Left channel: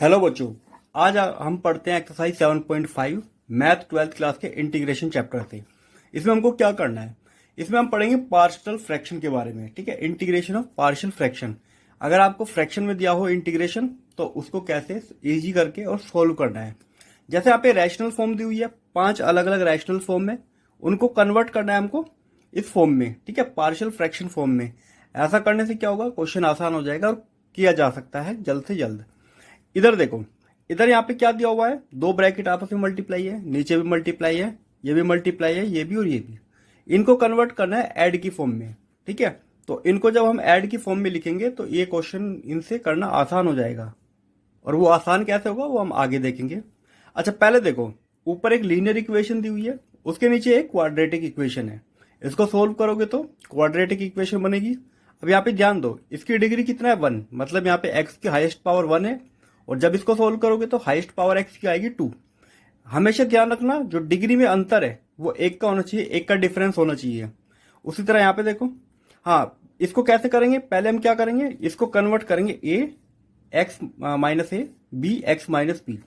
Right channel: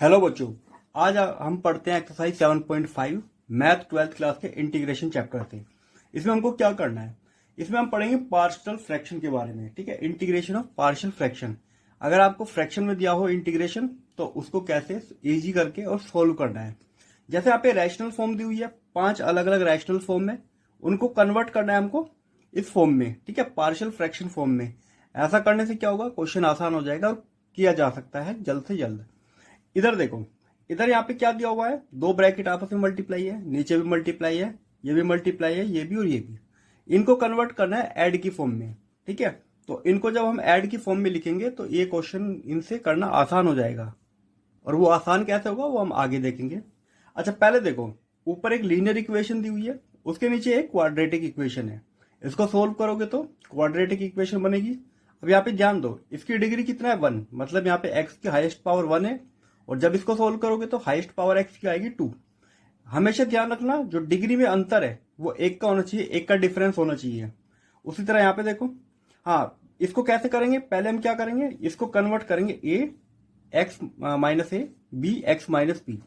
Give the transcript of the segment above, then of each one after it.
Hello बच्चों। आज हम पढ़ते हैं एक्सरसाइज 7.5 मैथ 12th क्लास के इंटीग्रेशन चैप्टर से। इसमें हमको क्या करना है, इसमें हम पढ़ेंगे पार्शियल फ्रैक्शन के बारे में। ठीक है, इंटीग्रेशन ऑफ पार्शियल फ्रैक्शन। अगर आपको फ्रैक्शन में दिया हो इंटीग्रेशन तो उसको कैसे इजी करके और सोल्व करना है। जैसे यहाँ पे रैशनल फॉर्म दी हुई है, 5 अलग अलग रैशनल फॉर्म में, उनको कन्वर्ट करना है हमको इस फॉर्म में। ठीक है, पार्शियल फ्रैक्शन फॉर्म में। ऐसा करने से क्या होगा, क्वेश्चन आसान हो जाएगा और किया जा सकता है जल्द से जल्द। इधर देखो, इधर यहाँ पे क्या दिया हुआ है, दो ब्रैकेट आपस में मल्टीप्लाई है, नीचे भी मल्टीप्लाई है, ये भी मल्टीप्लाई है, ये भी और ये भी। इनको कन्वर्ट करना है ऐड की फॉर्म में। ठीक है, तो इनको जब हम ऐड की फॉर्म में लिखेंगे तो ये क्वेश्चन इनसे करना आसान हो जाएगा। और वो आसान कैसे होगा वो हम आगे देखेंगे। अच्छा, पहले देखो, ऊपर एक लीनियर इक्वेशन दी हुई है, उसके नीचे एक क्वाड्रेटिक इक्वेशन है। इसको सोल्व करोगे तो क्वाड्रेटिक इक्वेशन बनेगी। अब यहाँ पे ध्यान दो, इसकी डिग्री कितना है, 1, मतलब यहाँ पे एक्स की हाईएस्ट पावर 1 है। और जब इसको सोल्व करोगे तो हाईएस्ट पावर एक्स की आएगी 2। हमेशा ध्यान रखना, जो डिग्री में अंतर है वो 1 का होना चाहिए, 1 का डिफरेंस होना चाहिए। उसी तरह यहाँ पे देखो, हाँ, इसको कैसे करेंगे, पहले हम क्या करेंगे, इसको कन्वर्ट करेंगे ए एक्स माइनस ए, बी एक्स माइनस बी।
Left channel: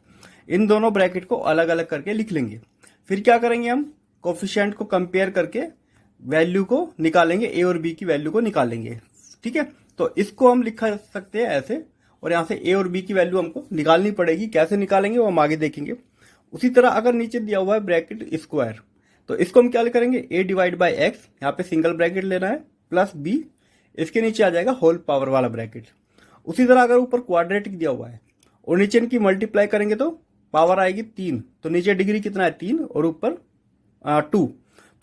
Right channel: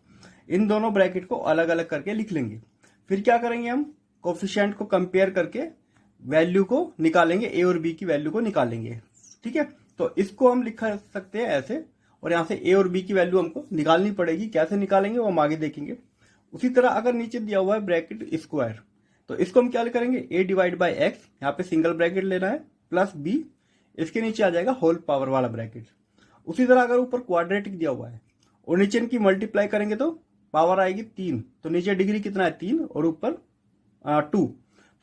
इन दोनों ब्रैकेट को अलग अलग करके लिख लेंगे। फिर क्या करेंगे, हम कोफिशिएंट को कंपेयर करके वैल्यू को निकालेंगे, ए और बी की वैल्यू को निकालेंगे। ठीक है, तो इसको हम लिख सकते हैं ऐसे, और यहां से ए और बी की वैल्यू हमको निकालनी पड़ेगी। कैसे निकालेंगे वो हम आगे देखेंगे। उसी तरह अगर नीचे दिया हुआ है ब्रैकेट स्क्वायर, तो इसको हम क्या करेंगे, ए डिवाइड बाई एक्स, यहाँ पे सिंगल ब्रैकेट लेना है, प्लस बी, इसके नीचे आ जाएगा होल पावर वाला ब्रैकेट। उसी तरह अगर ऊपर क्वाड्रेटिक दिया हुआ है और नीचे इनकी मल्टीप्लाई करेंगे तो पावर आएगी 3, तो नीचे डिग्री कितना है 3 और ऊपर 2।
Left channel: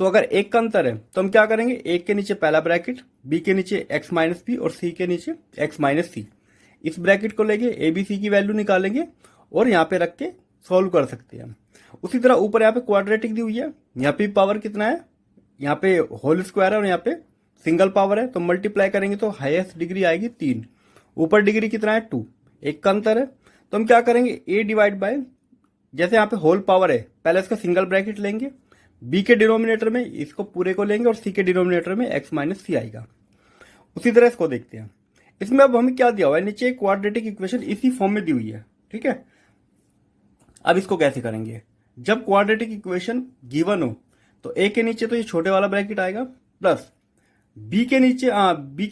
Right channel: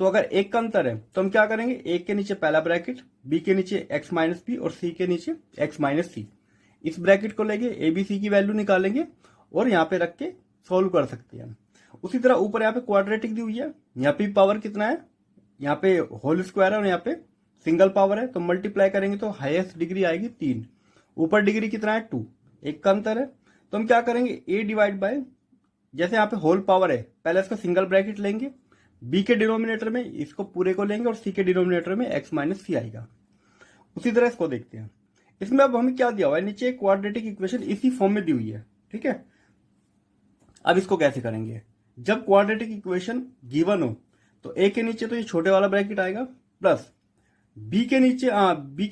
तो अगर एक का अंतर है तो हम क्या करेंगे, एक के नीचे पहला ब्रैकेट, बी के नीचे एक्स माइनस बी और सी के नीचे एक्स माइनस सी। इस ब्रैकेट को लेके ए बी सी की वैल्यू निकालेंगे और यहाँ पे रख के सॉल्व कर सकते हैं। उसी तरह ऊपर यहाँ पे क्वाड्रेटिक दी हुई है, यहाँ पे पावर कितना है, यहाँ पे होल स्क्वायर है और यहाँ पे सिंगल पावर है, तो मल्टीप्लाई करेंगे तो हाईएस्ट डिग्री आएगी 3, ऊपर डिग्री कितना है 2, एक का अंतर है। तो हम क्या करेंगे, ए डिवाइड बाय, जैसे यहाँ पे होल पावर है, पहले इसका सिंगल ब्रैकेट लेंगे, बी के डिनोमिनेटर में इसको पूरे को लेंगे और सी के डिनोमिनेटर में एक्स माइनस सी आएगा। उसी तरह इसको देखते हैं। इसमें अब हमें क्या दिया हुआ है, नीचे क्वाड्रेटिक इक्वेशन इसी फॉर्म में दी हुई है। ठीक है, अब इसको कैसे करेंगे, जब क्वाड्रेटिक इक्वेशन गिवन हो तो ए के नीचे तो ये छोटे वाला ब्रैकेट आएगा, प्लस बी के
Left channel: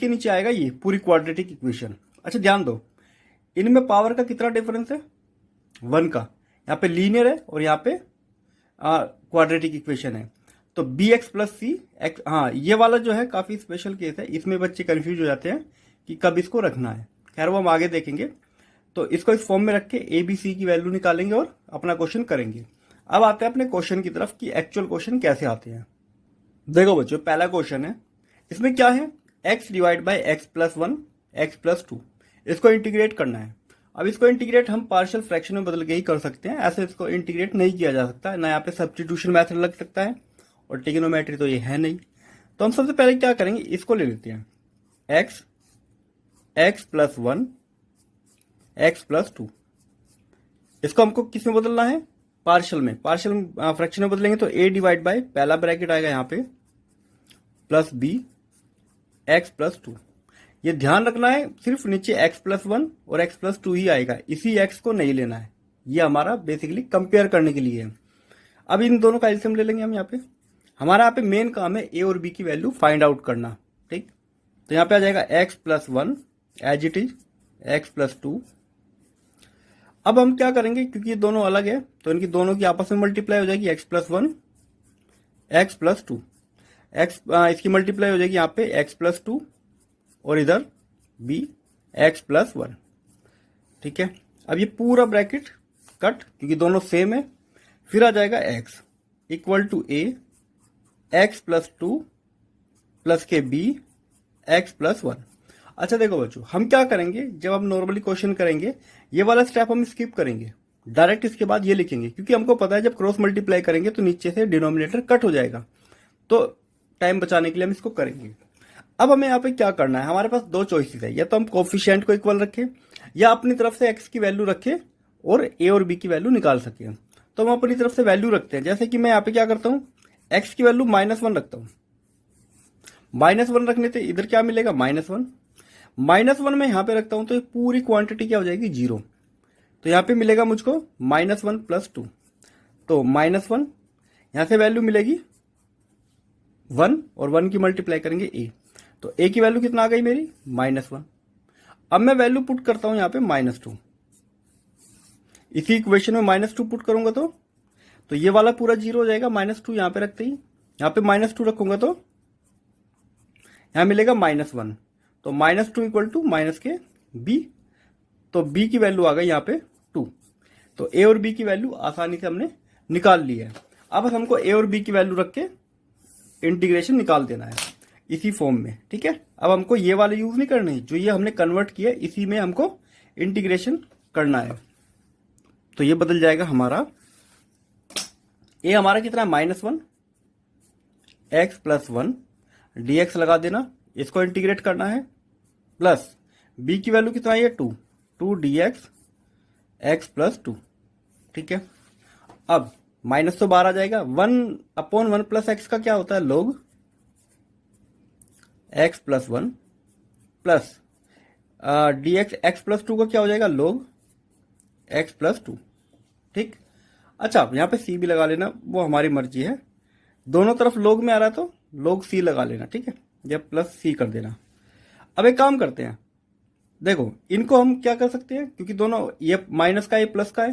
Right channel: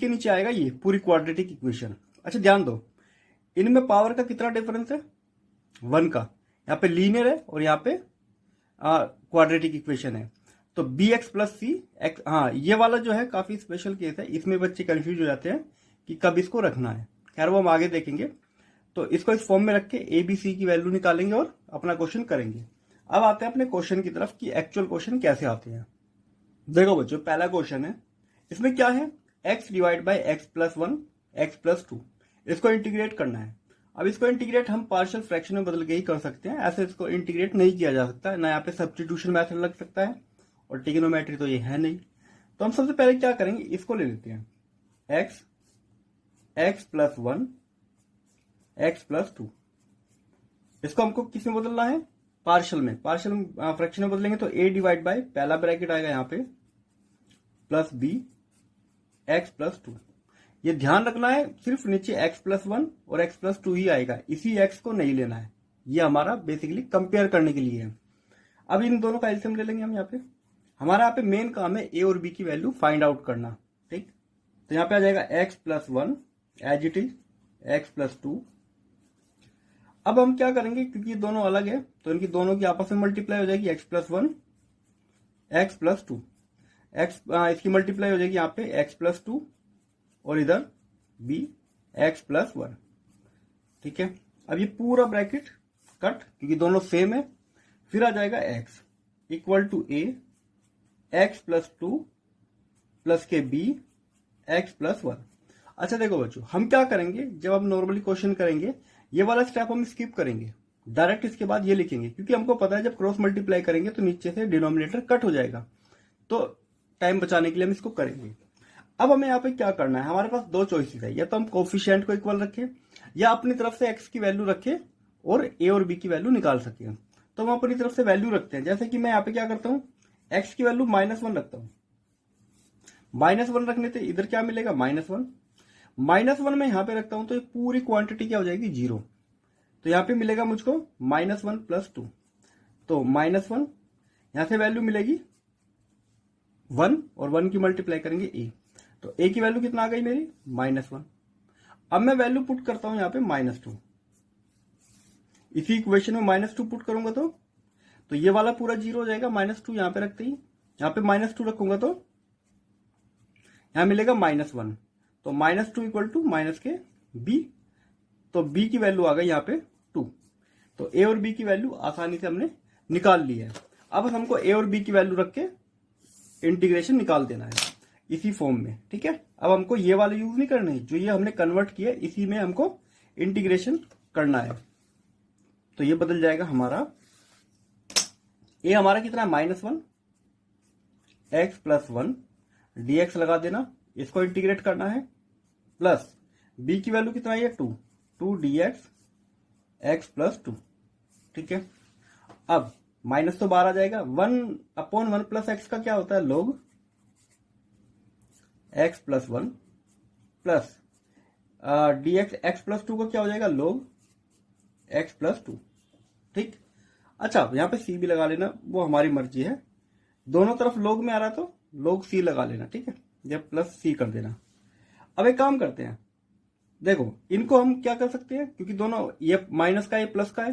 नीचे आएगा ये पूरी क्वाड्रेटिक इक्वेशन। अच्छा ध्यान दो, इनमें पावर का कितना डिफरेंस है, 1 का। यहाँ पे लीनियर है और यहाँ पे क्वाड्रेटिक इक्वेशन है, तो बी एक्स प्लस सी एक्स। हाँ, ये वाला जो है काफी स्पेशल केस है, इसमें बच्चे कंफ्यूज हो जाते हैं कि कब इसको रखना है। खैर वो हम आगे देखेंगे। तो इसको इस फॉर्म में रख के ए बी सी की वैल्यू निकालेंगे और अपना क्वेश्चन करेंगे। अब आते हैं अपने क्वेश्चन की तरफ कि एक्चुअल क्वेश्चन कैसे आते हैं। देखो बच्चों, पहला क्वेश्चन है, इसमें क्या है, x divide by x plus 1 x plus 2, इसको इंटीग्रेट करना है। अब इसको इंटीग्रेट हम पार्शियल फ्रैक्शन में बदल के ही कर सकते हैं, ऐसे इसको इंटीग्रेट नहीं किया जा सकता ना, यहाँ पे सब्स्टिट्यूशन मेथड लग सकता है और ट्रिग्नोमेट्री तो ये है नहीं। तो हम सबसे पहले क्या करेंगे, इसको ले लेते हैं, x x plus 1 x plus 2। इसको हमको किस में बदलना है, पार्शियल में, पार्शियल फ्रैक्शन में बदलेंगे तो ए डिवाइड बाई पहला ब्रैकेट आएगा यहाँ पे प्लस बी एक्स प्लस 2। ये ध्यान रखना है, सिर्फ नीचे एक्स प्लस 1 और एक्स प्लस 2 ही आएगा, इसी एक्स को नहीं लेना है। ये हमारा बेसिकली कंपेयर करने के लिए है। अब इन दोनों का एलसीएम ले लेंगे हम। यहाँ पे हमारा यहाँ पे मेन काम है ए और बी की वैल्यू फाइंड आउट करना। ठीक, तो यहाँ पे आ जाएगा x plus 1 as it is x plus 2। अब हम क्या करेंगे, क्योंकि ये दोनों अलग है तो इनकी दोनों की आपस में मल्टीप्लाई हो जाएगी, x plus 1 x plus 2, x इसकी मल्टीप्लाई हो जाएगी यहाँ पे एक्स प्लस 2 और इधर बी एक्स प्लस 1। ठीक है, अब ये पूरा ब्रैकेट कट, क्योंकि दोनों सेम है। फिर आ जाएगा x equal to a x plus 2 plus के बी एक्स प्लस 1। अच्छा देखो बच्चों, हम क्या करेंगे, जब हम नॉर्मली क्वेश्चन करेंगे ये वाला स्टेप हम स्किप करेंगे, डायरेक्ट इसके बाद ये लिखेंगे, क्योंकि हमको पता है जब क्रॉस मल्टीप्लाई करेंगे तो नीचे से डिनोमिनेटर कट हो जाएगा। तो टाइम बचाने के लिए हम इसको करेंगे। अब हमें यहाँ पे क्या करना है, हमारे पास दो चॉइसेस है, या तो हम कोफिशिएंट को इक्वल रखें या अपनी तरफ से एक्स की वैल्यू रखें और ए और बी की वैल्यू निकाल सके। तो हम अपनी तरफ से वैल्यू रखते हैं, जैसे कि मैं यहाँ पे क्या करता हूँ, एक्स की वैल्यू -1 रखता हूँ। -1 रखने से इधर क्या मिलेगा, -1 में यहाँ पे रखता हूँ तो ये पूरी क्वांटिटी क्या हो जाएगी, 0। तो यहाँ पे मिलेगा मुझको -1 + 2, तो -1 यहाँ से वैल्यू मिलेगी 1 और 1 की मल्टीप्लाई करेंगे a, तो a की वैल्यू कितना आ गई मेरी -1। अब मैं वैल्यू पुट करता हूं यहाँ पे -2, इसी इक्वेशन में -2 पुट करूंगा तो ये वाला पूरा 0 हो जाएगा, -2 यहाँ पे रखते ही, यहाँ पे -2 रखूंगा तो यहाँ मिलेगा -1, तो -2 इक्वल टू माइनस के b, तो b की वैल्यू आ गई यहाँ पे 2। तो a और b की वैल्यू आसानी से हमने निकाल ली है। अब बस हमको a और b की वैल्यू रख के इंटीग्रेशन निकाल देना है इसी फॉर्म में, ठीक है। अब हमको ये वाले यूज नहीं करने, जो ये हमने कन्वर्ट किया इसी में हमको इंटीग्रेशन करना है। तो ये बदल जाएगा हमारा, a हमारा कितना है -1, x + 1 dx लगा देना, इसको इंटीग्रेट करना है, प्लस b की वैल्यू कितना है 2 dx x + 2, ठीक है। अब माइनस तो बाहर आ जाएगा, 1/1 + x का क्या होता है log x + 1 plus dx x + 2 का क्या हो जाएगा log x + 2, ठीक। अच्छा यहाँ पे c भी लगा लेना, वो हमारी मर्जी है, दोनों तरफ log में आ रहा है तो log c लगा लेना, ठीक है, या +c कर देना। अब एक काम करते हैं, देखो इनको हम क्या कर सकते हैं, क्योंकि दोनों ये माइनस का ये प्लस का है,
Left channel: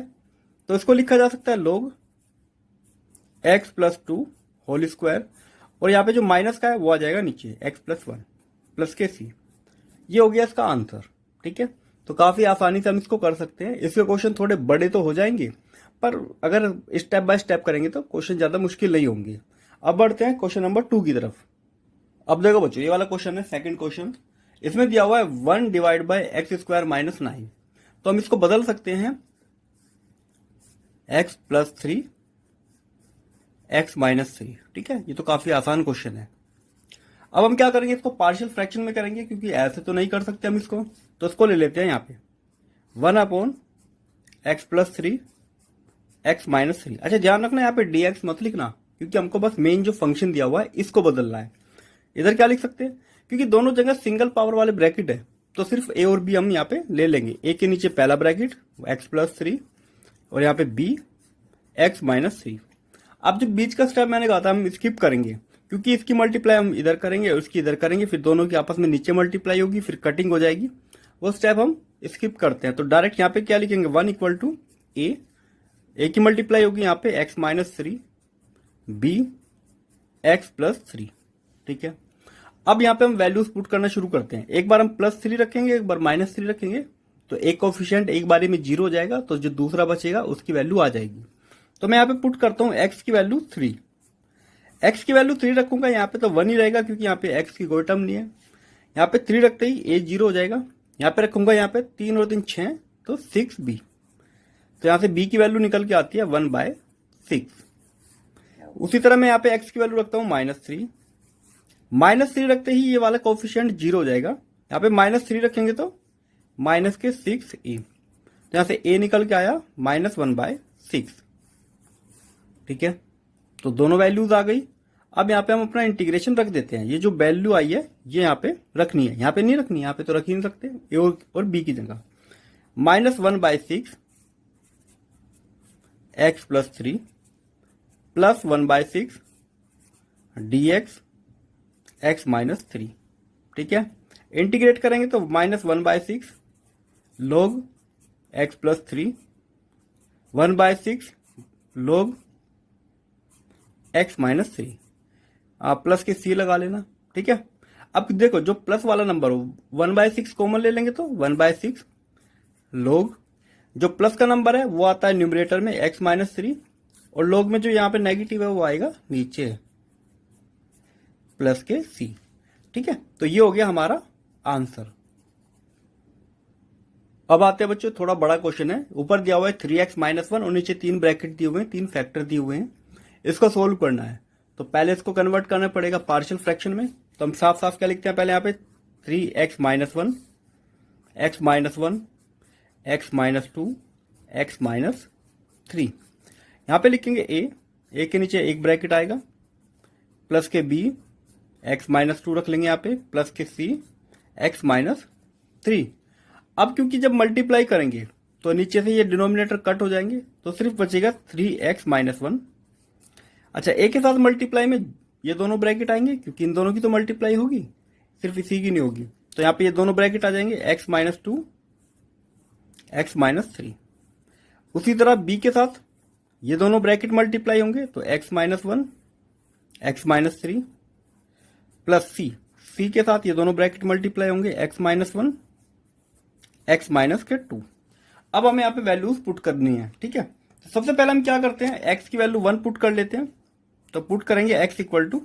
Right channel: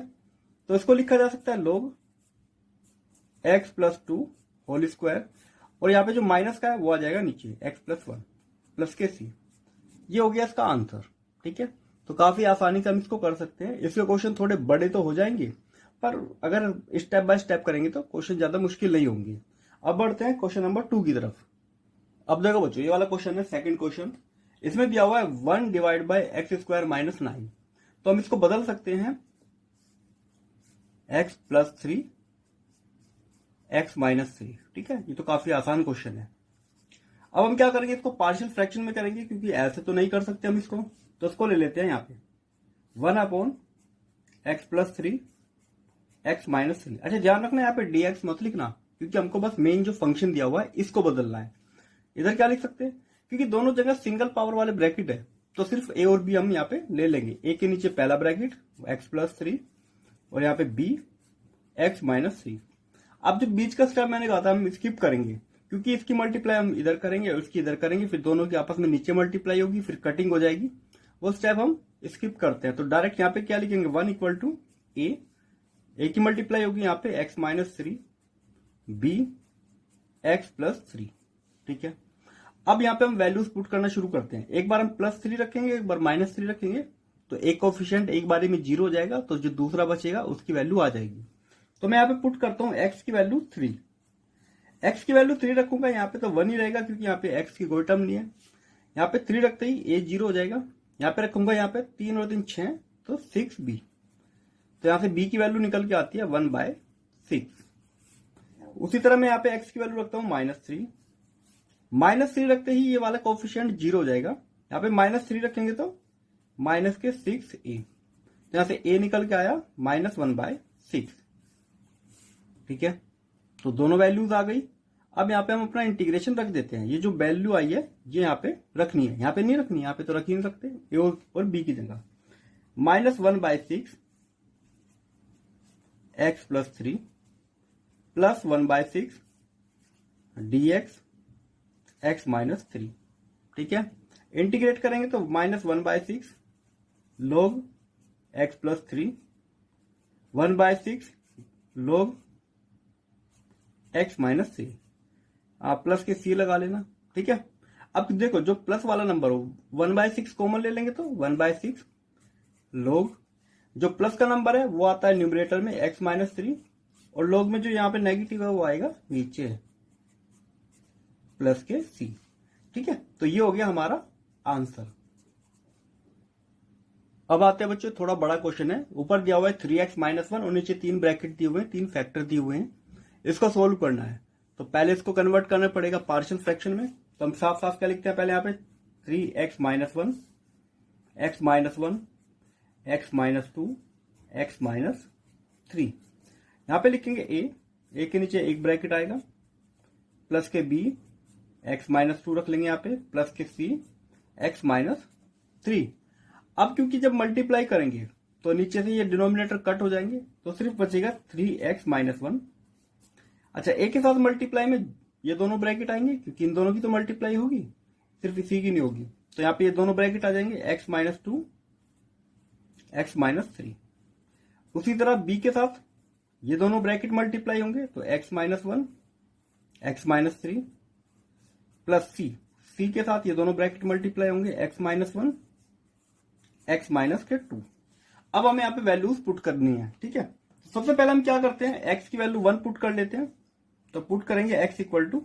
तो इसको लिखा जा सकता है log x + 2 होल स्क्वायर, और यहाँ पे जो माइनस का है वो आ जाएगा नीचे x + 1 प्लस के c। ये हो गया इसका आंसर, ठीक है। तो काफी आसानी से हम इसको कर सकते हैं। इसके क्वेश्चन थोड़े बड़े तो हो जाएंगे, पर अगर स्टेप बाय स्टेप करेंगे तो क्वेश्चन ज्यादा मुश्किल नहीं होंगे। अब बढ़ते हैं क्वेश्चन नंबर 2 की तरफ। अब देखो बच्चों, ये वाला क्वेश्चन है सेकंड क्वेश्चन, इसमें दिया हुआ है 1 / x² - 9, तो हम इसको बदल सकते हैं x + 3 x - 3, ठीक है। ये तो काफी आसान क्वेश्चन है। अब हम क्या करेंगे, इसको पार्शियल फ्रैक्शन में करेंगे, क्योंकि ऐसे तो नहीं कर सकते हम इसको, तो इसको ले लेते हैं यहाँ पे 1/x + 3 x - 3। अच्छा ध्यान रखना यहाँ पे dx मत लिखना, क्योंकि हमको बस मेन जो फंक्शन दिया हुआ है इसको बदलना है। इधर क्या लिख सकते हैं, क्योंकि दोनों जगह सिंगल पावर वाले ब्रैकेट है, तो सिर्फ a और b हम यहाँ पे ले लेंगे। a के नीचे पहला ब्रैकेट x + 3 और यहाँ पे b x - 3। अब जो बीच का स्टेप मैंने कहा था हम स्किप करेंगे, क्योंकि इसकी मल्टीप्लाई हम इधर करेंगे और इसकी इधर करेंगे, फिर दोनों की आपस में नीचे मल्टीप्लाई होगी, फिर कटिंग हो जाएगी, वो स्टेप हम स्किप करते हैं। तो डायरेक्ट यहाँ पे क्या लिखेंगे, 1 = a की मल्टीप्लाई होगी यहाँ पे x - 3 b x + 3, ठीक है। अब यहाँ पे हम वैल्यूज पुट करना शुरू करते हैं। एक बार हम +3 रखेंगे, एक बार -3 रखेंगे, तो एक कोफिशिएंट एक बारी में 0 हो जाएगा, तो जो दूसरा बचेगा उसकी वैल्यू आ जाएगी। तो मैं यहाँ पे पुट करता हूँ x की वैल्यू 3, x की वैल्यू 3 रखूंगा, यहाँ पे तो 1 ही रहेगा, क्योंकि यहाँ पे x की कोई टर्म नहीं है। यहाँ पे 3 रखते ही a 0 हो जाएगा, यहाँ पे रखूंगा यहाँ पे 3 और 3 6, तो 6b, तो यहाँ से b की वैल्यू निकल के आती है 1/6। उसी तरह मैं यहाँ पे x की वैल्यू रखता हूँ -3, -3 रखते ही ये वाला कोफिशिएंट 0 हो जाएगा, यहाँ पे -3 रखेंगे तो -6a, तो यहाँ से a निकल के आया -1/6, ठीक है। तो दोनों वैल्यूज आ गई। अब यहाँ पे हम अपना इंटीग्रेशन रख देते हैं। ये जो वैल्यू आई है ये यहाँ पे रखनी है, यहाँ पे नहीं रखनी, यहाँ पे तो रख ही नहीं सकते, ए और बी की जगह। -1/6 x + 3 प्लस 1/6 dx x - 3, ठीक है। इंटीग्रेट करेंगे तो -1/6 log x + 3 1/6 log x - 3, आप प्लस के c लगा लेना, ठीक है। अब देखो जो प्लस वाला नंबर हो 1/6 कॉमन ले लेंगे तो 1/6 log, जो प्लस का नंबर है वो आता है न्यूमरेटर में x - 3, और log में जो यहाँ पे नेगेटिव है वो आएगा नीचे प्लस के c, ठीक है। तो ये हो गया हमारा आंसर। अब आते हैं बच्चों, थोड़ा बड़ा क्वेश्चन है। ऊपर दिया हुआ है 3x - 1 और नीचे 3 ब्रैकेट दिए हुए हैं, 3 फैक्टर दिए हुए हैं, इसको सोल्व करना है। तो पहले इसको कन्वर्ट करना पड़ेगा पार्शियल फ्रैक्शन में। तो हम साफ साफ क्या लिखते हैं पहले यहाँ पे 3x - 1 x - 1 x - 2 x - 3। यहाँ पे लिखेंगे a के नीचे एक ब्रैकेट आएगा, प्लस के b x - 2 रख लेंगे यहाँ पे, प्लस के c x - 3। अब क्योंकि जब मल्टीप्लाई करेंगे तो नीचे से ये डिनोमिनेटर कट हो जाएंगे, तो सिर्फ बचेगा 3x-1। अच्छा, ए के साथ मल्टीप्लाई में ये दोनों ब्रैकेट आएंगे, क्योंकि इन दोनों की तो मल्टीप्लाई होगी, सिर्फ इसी की नहीं होगी। तो यहाँ पे ये दोनों ब्रैकेट आ जाएंगे, x-2, x-3। उसी तरह बी के साथ ये दोनों ब्रैकेट मल्टीप्लाई होंगे, तो x-1, x-3 प्लस सी के साथ ये दोनों ब्रैकेट मल्टीप्लाई होंगे, x-1, x-2। अब हमें यहाँ पे वैल्यूज पुट करनी है, ठीक है। तो सबसे पहले हम क्या करते हैं, x की वैल्यू 1 पुट कर लेते हैं। तो पुट करेंगे x इक्वल टू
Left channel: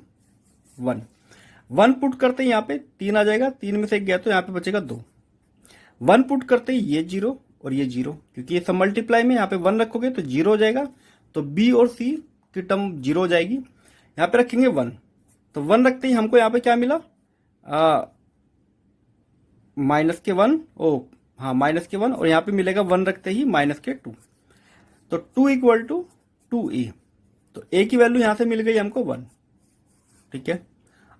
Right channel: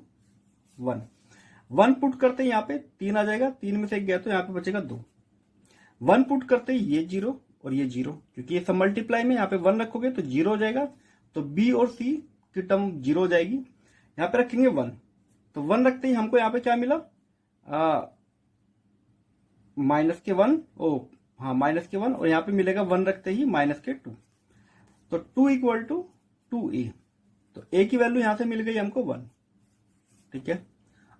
1। 1 पुट करते हैं, यहाँ पे 3 आ जाएगा, 3 में से 1 गया तो यहाँ पे बचेगा 2। 1 पुट करते हैं, ये 0 और ये 0, क्योंकि ये सब मल्टीप्लाई में यहाँ पे 1 रखोगे तो 0 हो जाएगा, तो b और c की टर्म 0 हो जाएगी। यहाँ पे रखेंगे 1, तो 1 रखते ही हमको यहाँ पे क्या मिला, -1, -1, और यहाँ पे मिलेगा 1 रखते ही -2, तो 2 इक्वल टू 2a। तो a की वैल्यू यहां से मिल गई हमको 1, ठीक है।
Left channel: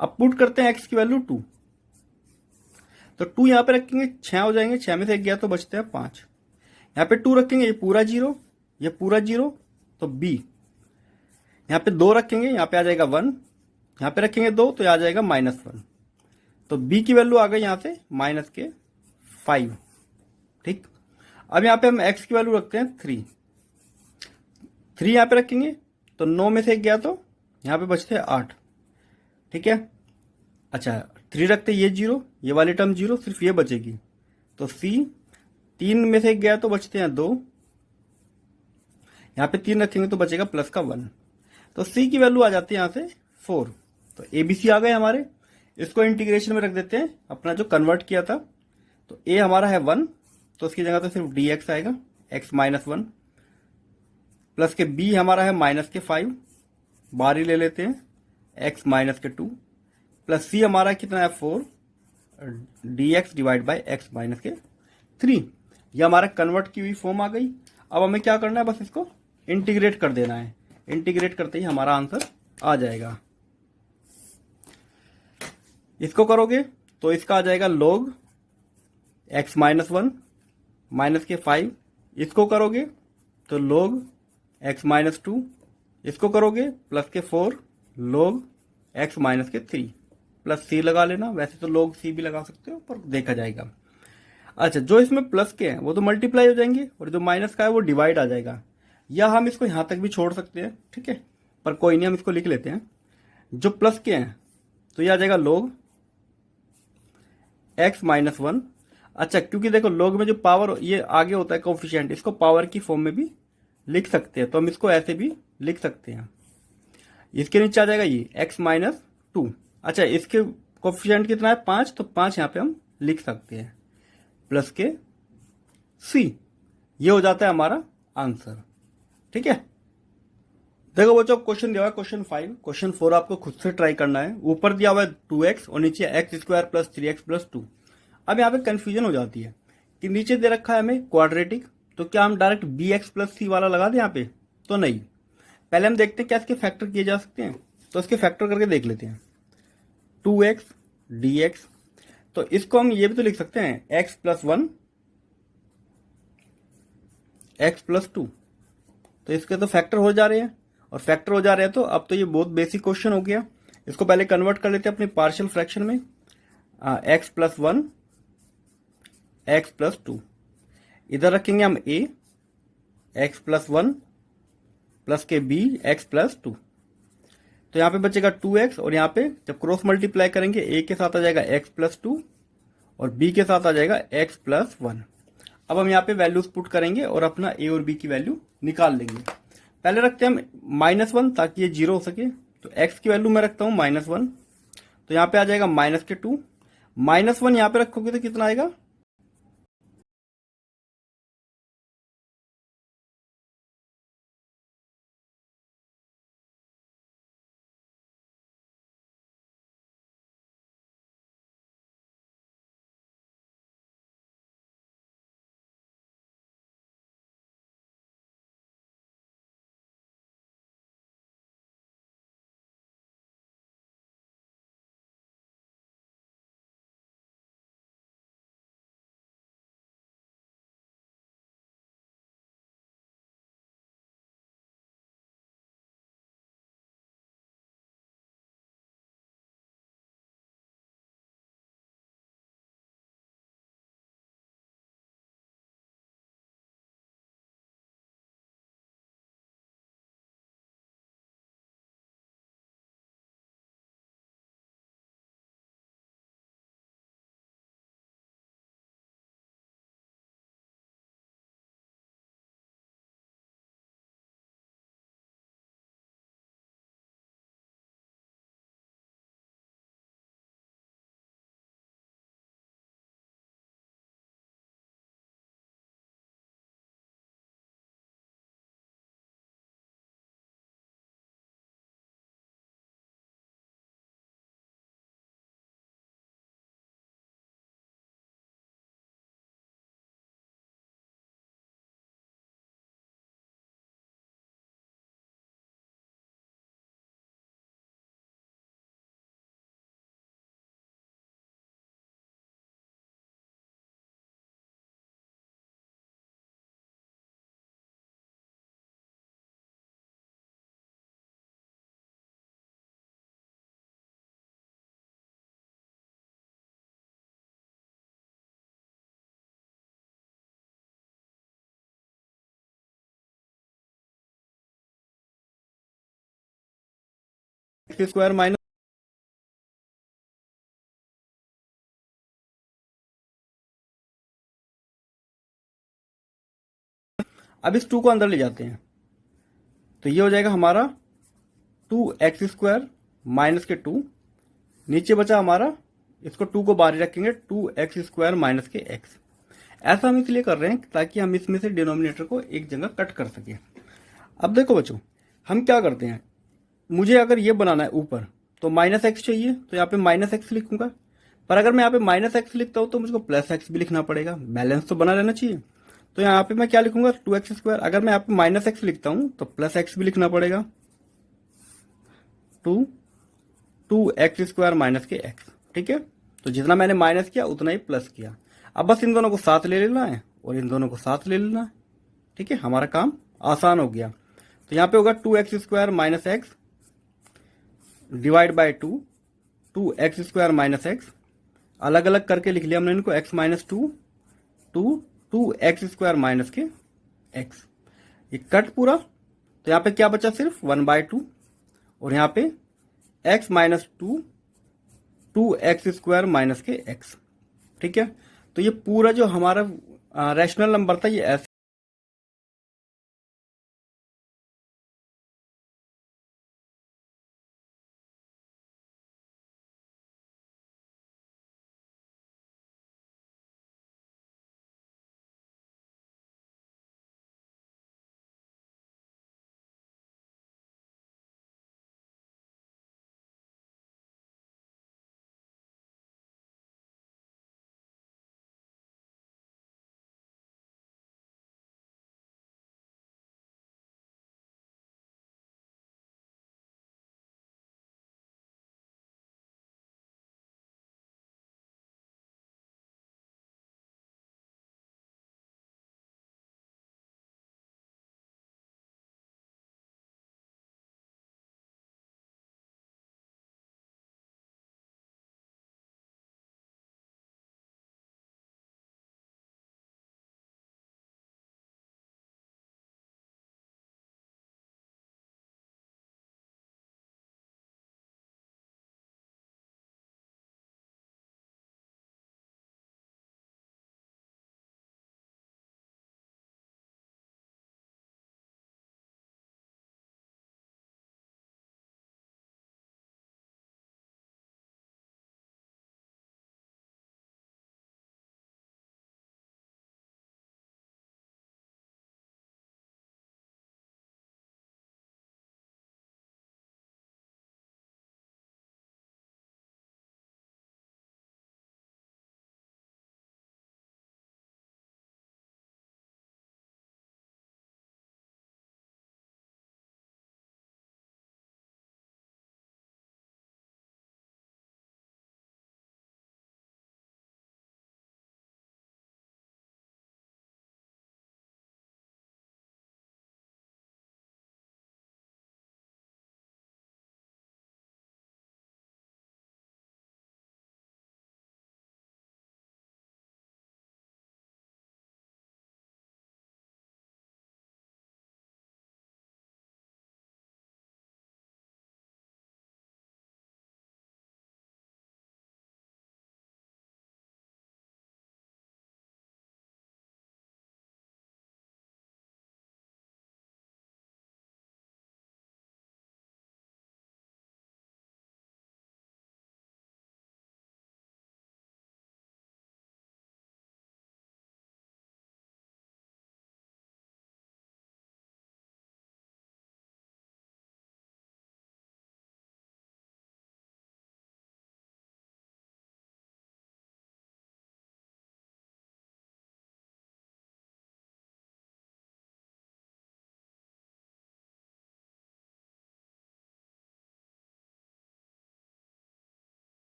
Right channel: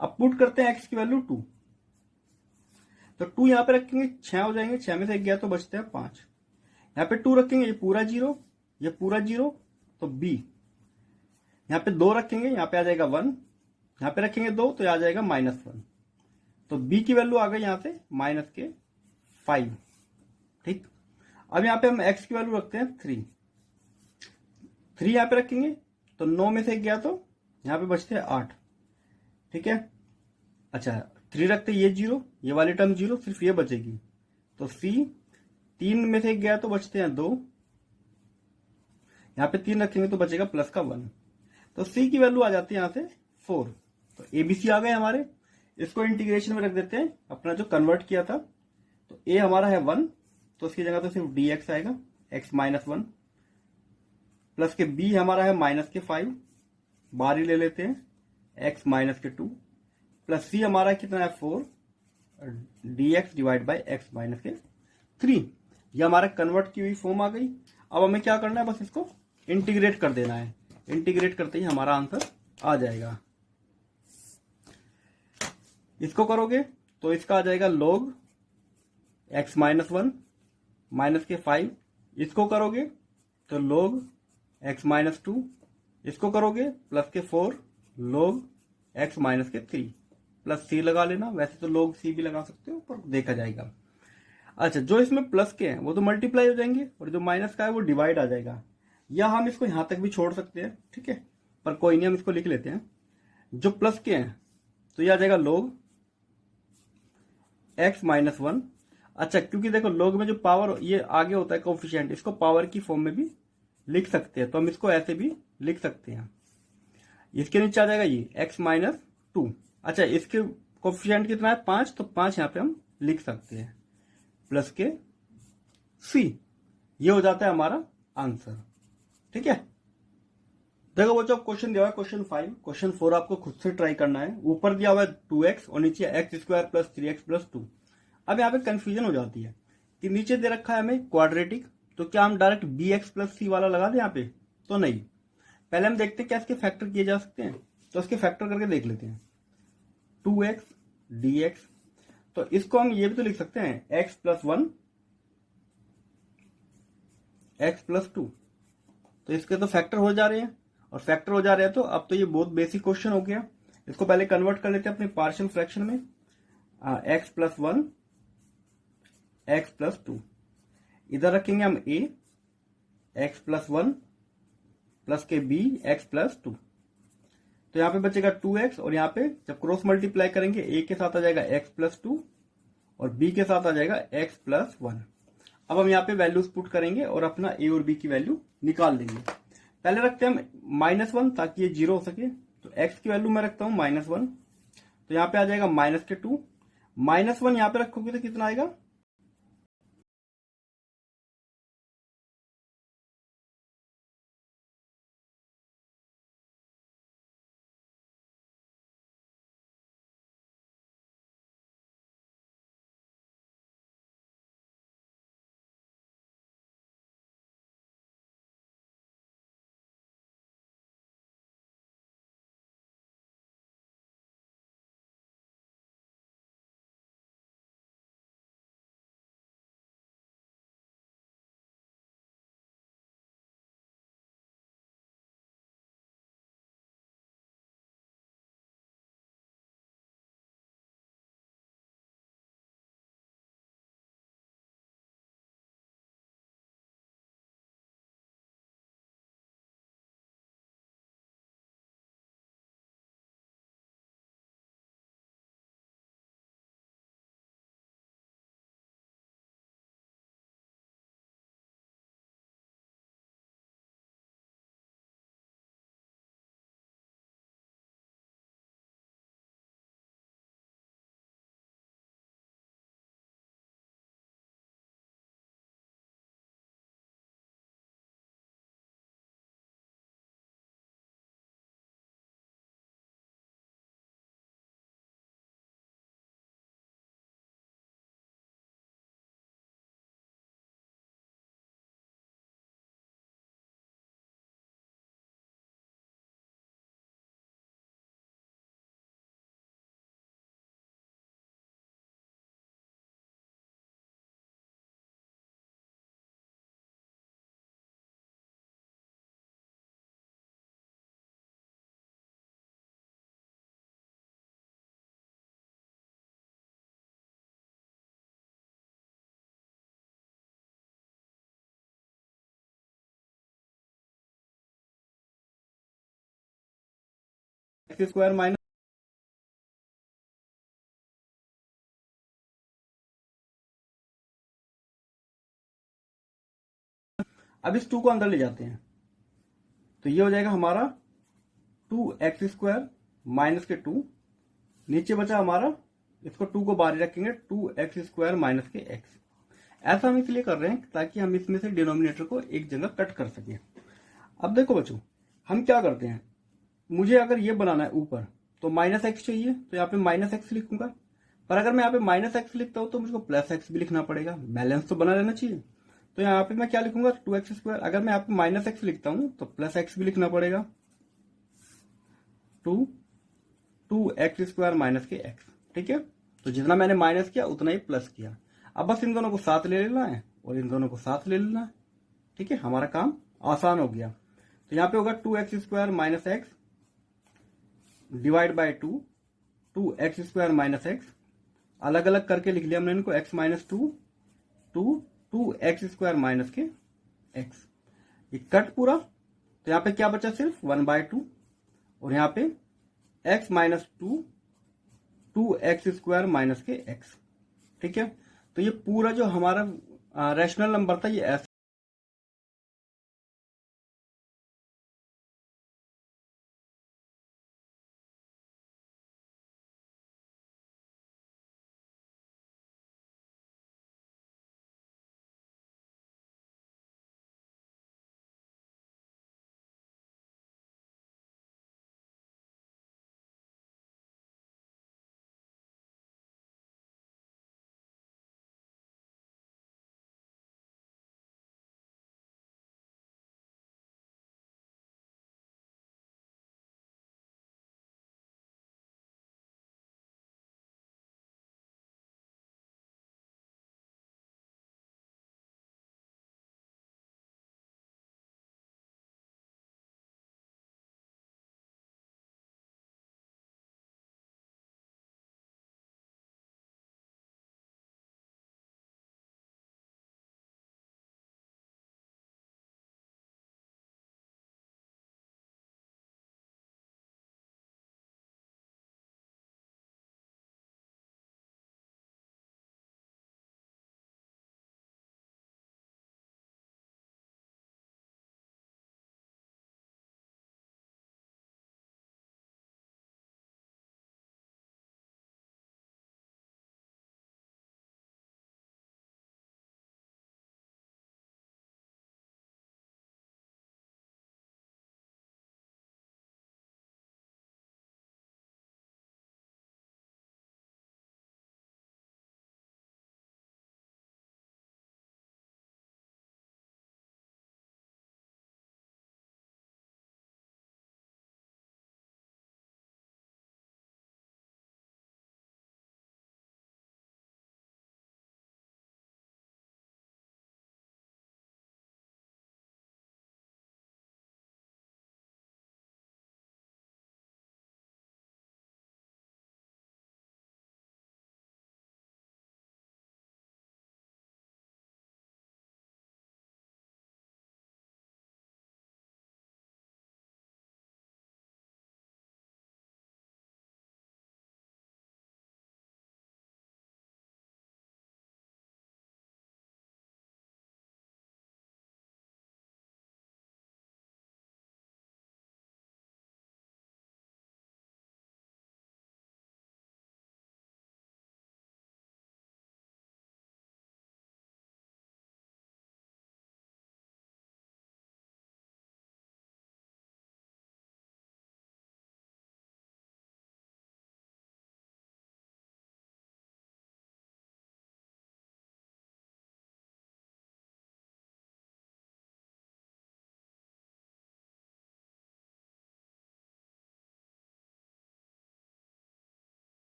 अब पुट करते हैं x की वैल्यू 2, तो 2 यहां पे रखेंगे, 6 हो जाएंगे, 6 में से 1 गया तो बचते हैं 5। यहाँ पे 2 रखेंगे, ये पूरा 0, ये पूरा 0, तो b। यहाँ पे 2 रखेंगे, यहाँ पे आ जाएगा 1, यहाँ पे रखेंगे 2 तो आ जाएगा -1, तो b की वैल्यू आ गई यहाँ से -5, ठीक। अब यहाँ पे हम x की वैल्यू रखते हैं 3 यहाँ पे रखेंगे, तो 9 में से 1 गया तो यहाँ पे बचते हैं 8, ठीक है। अच्छा, 3 रखते ये 0, ये वाली टर्म 0, सिर्फ ये बचेगी, तो c। 3 में से 1 गया तो बचते हैं 2, यहाँ पे 3 रखेंगे तो बचेगा प्लस का 1, तो c की वैल्यू आ जाती है यहाँ से 4। तो ABC आ गए हमारे। इसको इंटीग्रेशन में रख देते हैं, अपना जो कन्वर्ट किया था। तो a हमारा है 1, तो उसकी जगह तो सिर्फ dx आएगा, x-1, प्लस के b हमारा है -5, बाहर ही ले लेते हैं, x-2, प्लस c हमारा कितना है 4, dx डिवाइड बाई x-3। ये हमारा कन्वर्ट की हुई फॉर्म आ गई। अब हमें क्या करना है, बस इसको इंटीग्रेट कर देना है। इंटीग्रेट करते ही हमारा आंसर आ जाएगा। इसको करोगे तो इसका आ जाएगा log x-1 -5। इसको करोगे तो log x-2। इसको करोगे प्लस के 4 log x-3, प्लस c लगा लेना। वैसे तो log c भी लगा सकते हो, पर देखा जाएगा। अच्छा, जो इसमें प्लस के हैं वो तो मल्टीप्लाई हो जाएंगे, और जो माइनस का है वो डिवाइड आ जाएगा, या हम इसको यहां तक भी छोड़ सकते हैं, ठीक है। पर कोई नहीं, हम इसको लिख लेते हैं। जो प्लस के हैं तो ये आ जाएगा log x-1। अच्छा, क्योंकि देखो log में जो पावर ये आगे होता है कोफिशिएंट, इसको पावर की फॉर्म में भी लिख सकते हैं, तो हम इसको ऐसे भी लिख सकते हैं। इसके नीचे आ जाएगा ये x-2। अच्छा, इसके कोफिशिएंट कितना है 5, तो 5 यहाँ पे हम लिख सकते हैं, प्लस के c। ये हो जाता है हमारा आंसर, ठीक है। देखो बच्चों, क्वेश्चन दिया हुआ है क्वेश्चन 5। क्वेश्चन 4 आपको खुद से ट्राई करना है। ऊपर दिया हुआ है 2x और नीचे x² प्लस 3x प्लस 2। अब यहाँ पे कंफ्यूजन हो जाती है कि नीचे दे रखा है हमें क्वाड्रेटिक, तो क्या हम डायरेक्ट bx प्लस c वाला लगा दें यहाँ पे? तो नहीं, पहले हम देखते हैं क्या इसके फैक्टर किए जा सकते हैं। तो इसके फैक्टर करके देख लेते हैं। 2x dx, तो इसको हम ये भी तो लिख सकते हैं x प्लस 1 x प्लस 2। तो इसके तो फैक्टर हो जा रहे हैं, और फैक्टर हो जा रहे हैं, तो अब तो ये बहुत बेसिक क्वेश्चन हो गया। इसको पहले कन्वर्ट कर लेते हैं अपने पार्शियल फ्रैक्शन में। x प्लस 1 x प्लस 2, इधर रखेंगे हम a x प्लस 1 प्लस के b x प्लस 2। तो यहाँ पे बचेगा 2x, और यहाँ पे जब क्रॉस मल्टीप्लाई करेंगे a के साथ आ जाएगा x प्लस 2 और b के साथ आ जाएगा x प्लस 1। अब हम यहाँ पे वैल्यूज पुट करेंगे और अपना a और b की वैल्यू निकाल लेंगे। पहले रखते हैं हम -1 ताकि ये 0 हो सके। तो x की वैल्यू मैं रखता हूँ -1, तो यहाँ पे आ जाएगा -2। -1 यहाँ पे रखोगे तो कितना आएगा एक्स स्क्वायर माइनस, अब इस 2 को अंदर ले जाते हैं तो ये हो जाएगा हमारा 2x² माइनस के 2, नीचे बचा हमारा, इसको 2 को बाहर ही रखेंगे, 2x² माइनस के x। ऐसा हम इसलिए कर रहे हैं ताकि हम इसमें से डिनोमिनेटर को एक जगह कट कर सकें। अब देखो बच्चों, हम क्या करते हैं, मुझे अगर ये बनाना है ऊपर तो माइनस एक्स चाहिए, तो यहाँ पे माइनस एक्स लिखूंगा। पर अगर मैं यहाँ पे माइनस एक्स लिखता हूँ तो मुझको प्लस एक्स भी लिखना पड़ेगा, बैलेंस तो बना रहना चाहिए। तो यहाँ पे मैं क्या लिखूंगा, 2x²। अगर मैं यहाँ पे माइनस एक्स लिखता हूँ तो प्लस एक्स भी लिखना पड़ेगा, 2x² माइनस के x। ठीक है, तो जितना मैंने माइनस किया उतना ही प्लस किया। अब बस इन दोनों को साथ ले लेना है और इन दोनों को साथ ले लेना। ठीक है, हमारा काम आसान हो गया। तो यहाँ पे होगा 2x² minus x divide by 2x² minus x, अलग अलग करके लिख लिया हमने इनको, x माइनस 2x² माइनस के x। ये कट पूरा, तो यहाँ पे क्या बचा, सिर्फ 1/2, और यहाँ पे x माइनस 2x² माइनस के x। ठीक है, तो ये पूरा जो हमारा रैशनल नंबर था ये ऐसे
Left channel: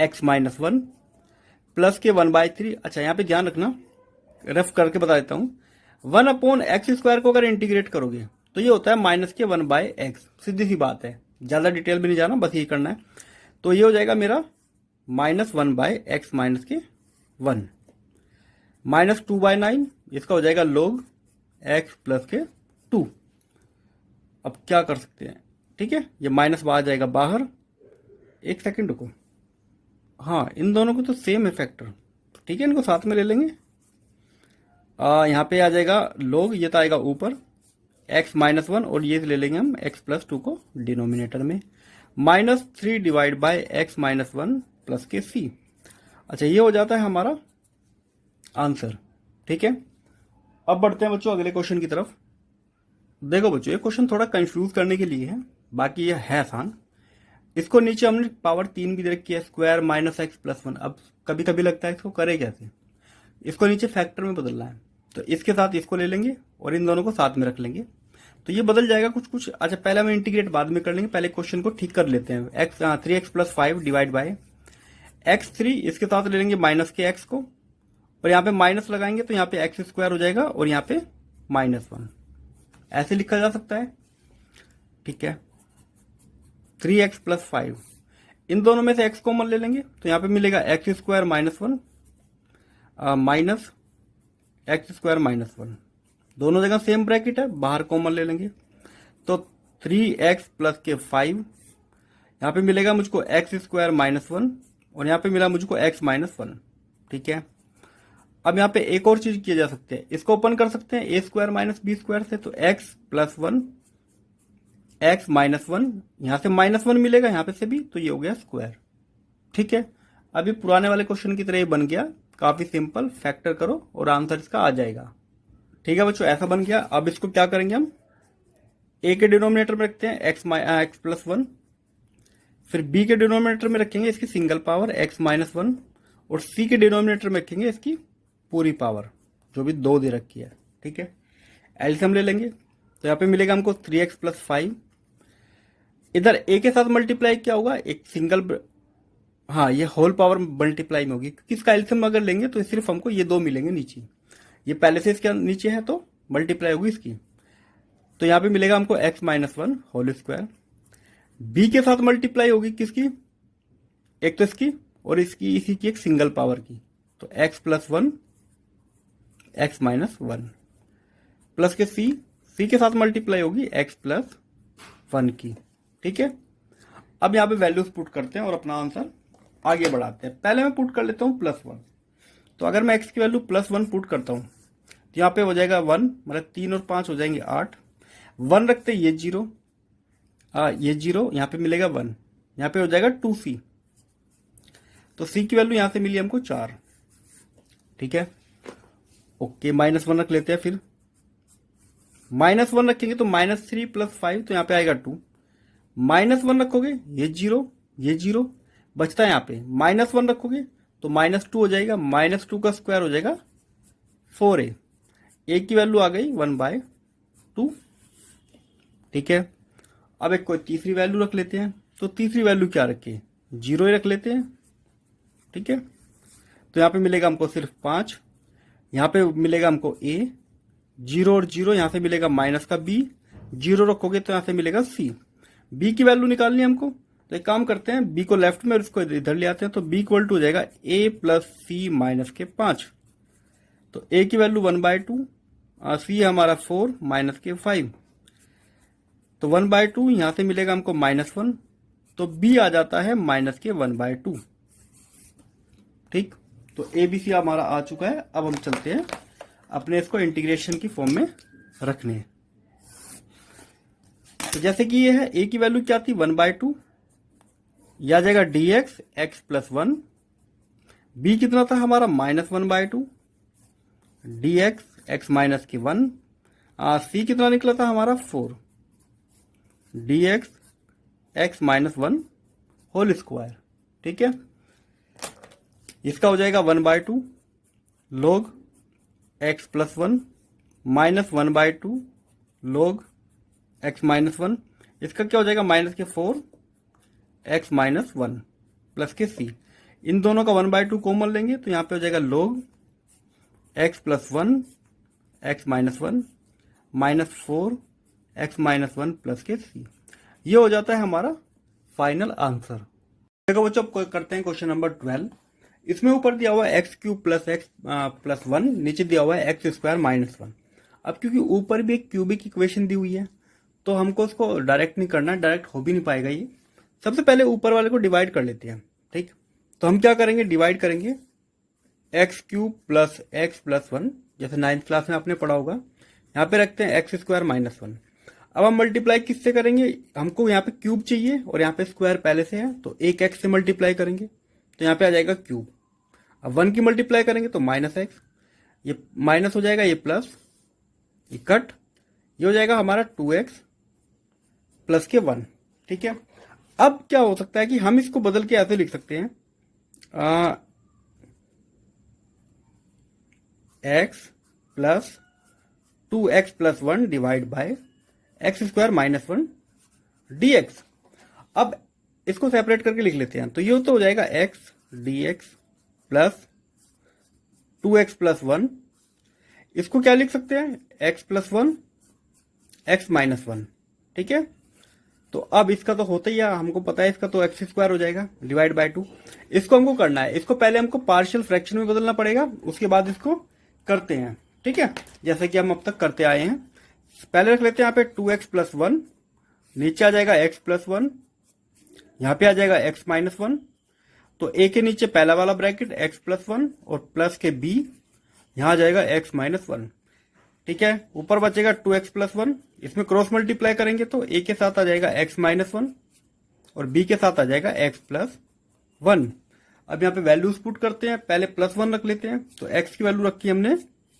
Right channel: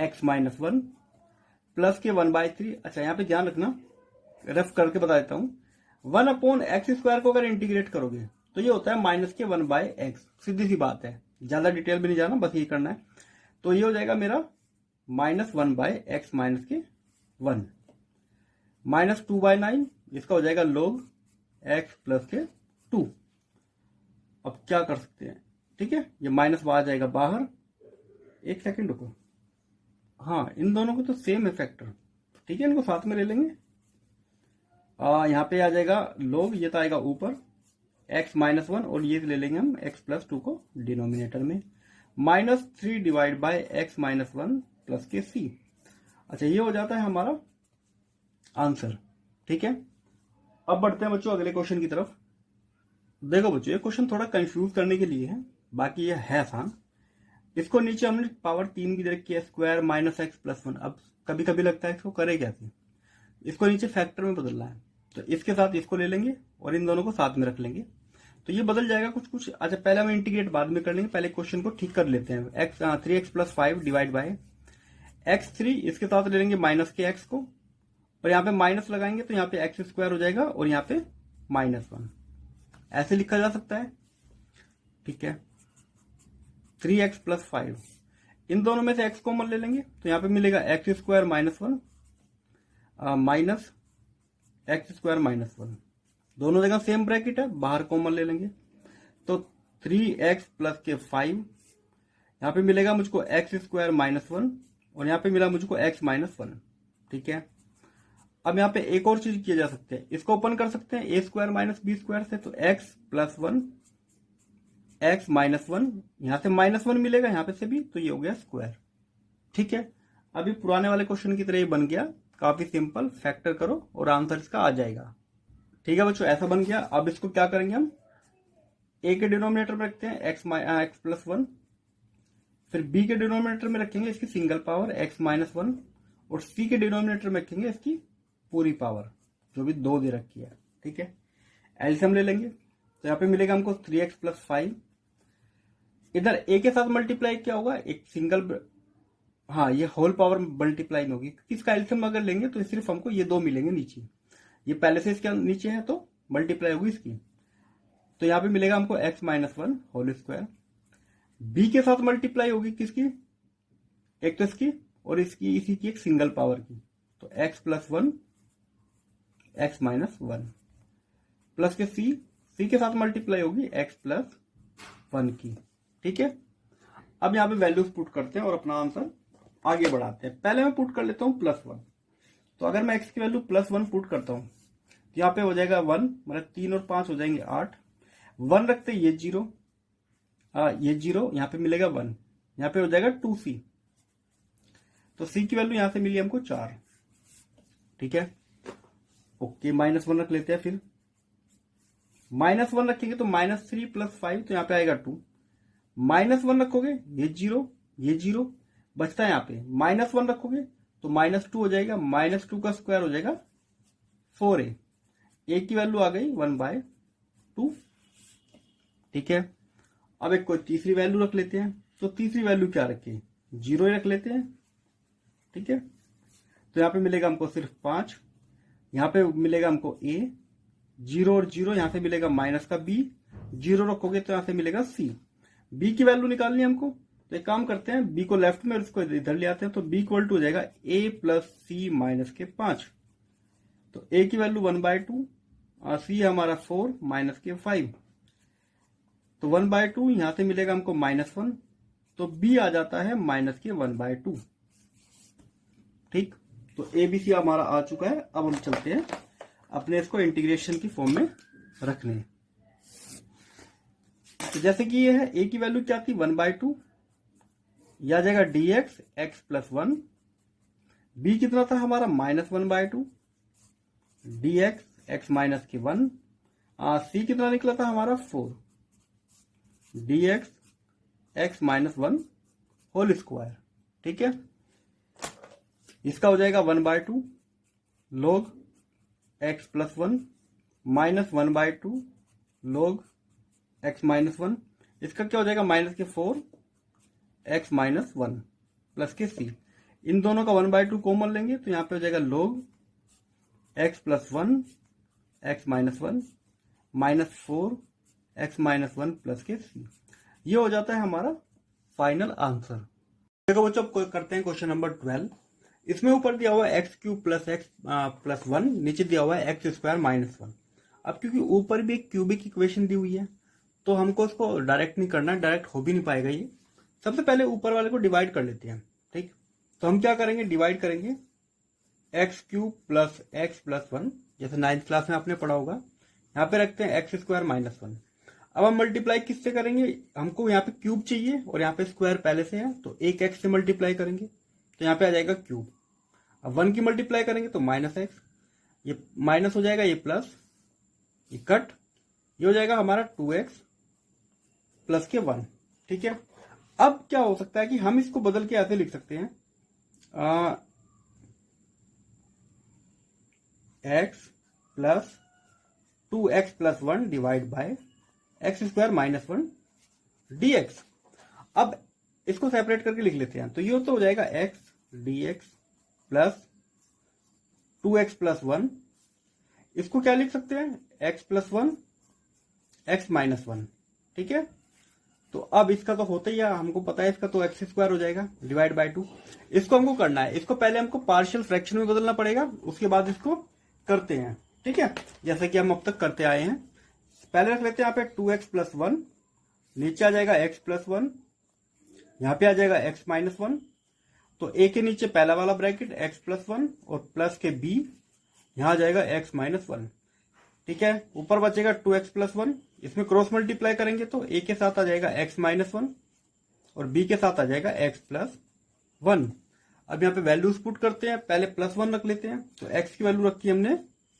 एक्स माइनस वन प्लस के 1/3। अच्छा यहाँ पे ध्यान रखना, रफ करके बता देता हूँ। 1/x² को अगर इंटीग्रेट करोगे तो ये होता है माइनस के 1/x। सीधी सी बात है, ज्यादा डिटेल भी नहीं जाना, बस ये करना है। तो ये हो जाएगा मेरा माइनस 1/x माइनस के 1 माइनस 2/9, इसका हो जाएगा log x प्लस के 2। अब क्या कर सकते हैं, ठीक है, ये माइनस बाहर जाएगा बाहर। एक सेकंड रुको, हाँ इन दोनों को तो सेम है फैक्टर, ठीक है, इनको साथ में ले लेंगे। यहाँ पे आ जाएगा log, ये तो आएगा ऊपर x माइनस 1 और ये ले लेंगे हम x प्लस 2 को डिनोमिनेटर में, minus 3 divide by x minus 1 plus के c। अच्छा ये हो जाता है हमारा आंसर, ठीक है। अब बढ़ते हैं बच्चों अगले क्वेश्चन की तरफ। देखो बच्चों, ये क्वेश्चन थोड़ा कंफ्यूज करने के लिए है, बाकी ये है आसान। इसको नीचे हमने पावर 3 की दे रखी है, स्क्वायर माइनस एक्स प्लस 1। अब कभी कभी लगता है इसको करे कैसे, इसको नीचे फैक्टर में बदलना है, तो इसके साथ इसको ले लेंगे और इन दोनों को साथ में रख लेंगे, तो ये बदल जाएगा कुछ कुछ। अच्छा पहले हम इंटीग्रेट बाद में कर लेंगे, पहले क्वेश्चन को ठीक कर लेते हैं। 3x plus 5 divide by x3, इसके साथ ले लेंगे माइनस के x को, और यहाँ पे माइनस लगाएंगे तो यहाँ पे x² हो जाएगा और यहाँ पे -1, ऐसे लिखा जा सकता है, ठीक है। 3x प्लस 5, इन दोनों में से x कॉमन ले लेंगे तो यहाँ पे मिलेगा x² minus 1 minus x² minus 1, दोनों जगह सेम ब्रैकेट है, बाहर कॉमन ले लेंगे तो 3x प्लस के 5, यहाँ पे मिलेगा मुझको x² माइनस 1 और यहाँ पे मिला मुझको x माइनस 1, ठीक है। अब यहाँ पे एक और चीज किया जा सकते हैं, इसको ओपन कर सकते हैं a² माइनस b² से, तो x प्लस 1 x माइनस 1, यहाँ से -1 मिलेगा यहाँ पे से भी, तो ये हो गया स्क्वायर, ठीक है। अभी पुराने वाले क्वेश्चन की तरह ये बन गया, काफी सिंपल, फैक्टर करो और आंसर इसका आ जाएगा, ठीक है बच्चों, ऐसा बन गया। अब इसको क्या करेंगे हम, a के डिनोमिनेटर में रखते हैं x प्लस 1, फिर b के डिनोमिनेटर में रखेंगे इसकी सिंगल पावर x माइनस 1, और c के डिनोमिनेटर में रखेंगे इसकी पूरी पावर जो भी 2 दे रखी है, ठीक है। एलसीएम ले लेंगे तो यहाँ पे मिलेगा हमको 3x प्लस 5, इधर a के साथ मल्टीप्लाई क्या होगा, एक सिंगल, हाँ ये होल पावर मल्टीप्लाई में होगी, किसका एलसीएम अगर लेंगे तो सिर्फ हमको ये 2 मिलेंगे नीचे, ये पहले से इसके नीचे है तो मल्टीप्लाई होगी इसकी, तो यहाँ पे मिलेगा हमको x minus 1 whole square. b के साथ मल्टीप्लाई होगी किसकी, एक तो इसकी और इसकी इसी की एक सिंगल पावर की, तो x plus 1 x minus 1 plus के c के साथ मल्टीप्लाई होगी x प्लस 1 की, ठीक है। अब यहाँ पे वैल्यूज पुट करते हैं और अपना आंसर आगे बढ़ाते हैं। पहले मैं पुट कर लेता हूँ +1, तो अगर मैं x की वैल्यू +1 पुट करता हूँ तो यहाँ पे हो जाएगा 1, मतलब 3 और 5 हो जाएंगे 8, 1 रखते ये 0, ये 0, यहाँ पे मिलेगा 1, यहाँ पे हो जाएगा 2c, तो c की वैल्यू यहाँ से मिली हमको 4, ठीक है। ओके -1 रख लेते हैं, फिर -1 रखेंगे तो -3 प्लस 5, तो यहाँ पे आएगा 2, -1 रखोगे ये 0, ये 0 बचता है, यहाँ पे -1 रखोगे तो -2 हो जाएगा, -2 का स्क्वायर हो जाएगा 4a, a की वैल्यू आ गई 1/2, ठीक है। अब एक कोई तीसरी वैल्यू रख लेते हैं, तो तीसरी वैल्यू क्या रखे, 0 ही रख लेते हैं, ठीक है। तो यहाँ पे मिलेगा हमको सिर्फ 5, यहाँ पे मिलेगा हमको a, 0 और 0, यहाँ से मिलेगा माइनस का b, 0 रखोगे तो यहाँ से मिलेगा c, b की वैल्यू निकालनी है हमको, तो एक काम करते हैं b को लेफ्ट में और इसको इधर ले आते हैं, तो b इक्वल टू हो जाएगा a प्लस c माइनस के 5, तो a की वैल्यू 1/2, c हमारा 4 माइनस के 5, तो 1/2 यहाँ से मिलेगा हमको -1, तो b आ जाता है माइनस के 1/2, ठीक। तो ABC हमारा आ चुका है। अब हम चलते हैं अपने इसको इंटीग्रेशन की फॉर्म में रखने, तो जैसे कि ये है, a की वैल्यू क्या थी 1/2, यह आ जाएगा dx x प्लस 1, b कितना था हमारा -1/2 dx x माइनस के 1, c कितना निकला था हमारा 4 dx x minus 1 whole square, ठीक है। इसका हो जाएगा 1/2 log x plus 1 minus 1/2 log x minus 1, इसका क्या हो जाएगा माइनस के 4 x माइनस 1 प्लस के c, इन दोनों का 1/2 कॉमन लेंगे तो यहाँ पे हो जाएगा log x plus 1 x minus 1 minus 4 x minus 1 plus के c। ये हो जाता है हमारा फाइनल आंसर। देखो बच्चों, अब करते हैं क्वेश्चन नंबर 12। इसमें ऊपर दिया हुआ है x cube plus x plus 1, नीचे दिया हुआ है एक्स स्क्वायर माइनस 1। अब क्योंकि ऊपर भी एक क्यूबिक इक्वेशन दी हुई है तो हमको इसको डायरेक्ट नहीं करना, डायरेक्ट हो भी नहीं पाएगा ये। सबसे पहले ऊपर वाले को डिवाइड कर लेते हैं, ठीक। तो हम क्या करेंगे, डिवाइड करेंगे एक्स क्यूब प्लस 1, जैसे 9th क्लास में आपने पढ़ा होगा। यहाँ पे रखते हैं एक्स स्क्वायर माइनस 1। अब हम मल्टीप्लाई किससे करेंगे, हमको यहाँ पे क्यूब चाहिए और यहाँ पे स्क्वायर पहले से है तो एक एक्स से मल्टीप्लाई करेंगे तो यहाँ पे आ जाएगा क्यूब। अब 1 की मल्टीप्लाई करेंगे तो माइनस एक्स, ये माइनस हो जाएगा, ये प्लस, ये कट, ये हो जाएगा हमारा 2x प्लस के 1, ठीक है। अब क्या हो सकता है कि हम इसको बदल के ऐसे लिख सकते हैं x plus 2x plus 1 divide by x square minus 1 dx। अब इसको सेपरेट करके लिख लेते हैं तो ये तो हो जाएगा x dx plus 2x plus 1। इसको क्या लिख सकते हैं, x प्लस 1 x माइनस 1, ठीक है। तो अब इसका तो होता ही है, हमको पता है इसका, तो एक्स स्क्वायर हो जाएगा डिवाइड बाय 2। इसको हमको करना है, इसको पहले हमको पार्शियल फ्रैक्शन में बदलना पड़ेगा, उसके बाद इसको करते हैं, ठीक है, जैसे कि हम अब तक करते आए हैं। पहले रख लेते हैं यहाँ पे 2x प्लस 1, नीचे आ जाएगा x प्लस 1, यहाँ पे आ जाएगा x माइनस 1। तो a के नीचे पहला वाला ब्रैकेट x प्लस 1 और प्लस के b, यहाँ आ जाएगा x माइनस 1, ठीक है। ऊपर बचेगा 2x प्लस 1, इसमें क्रॉस मल्टीप्लाई करेंगे तो a के साथ आ जाएगा x माइनस 1 और b के साथ आ जाएगा x प्लस 1। अब यहाँ पे वैल्यूज पुट करते हैं, पहले प्लस 1 रख लेते हैं तो x की वैल्यू रखी हमने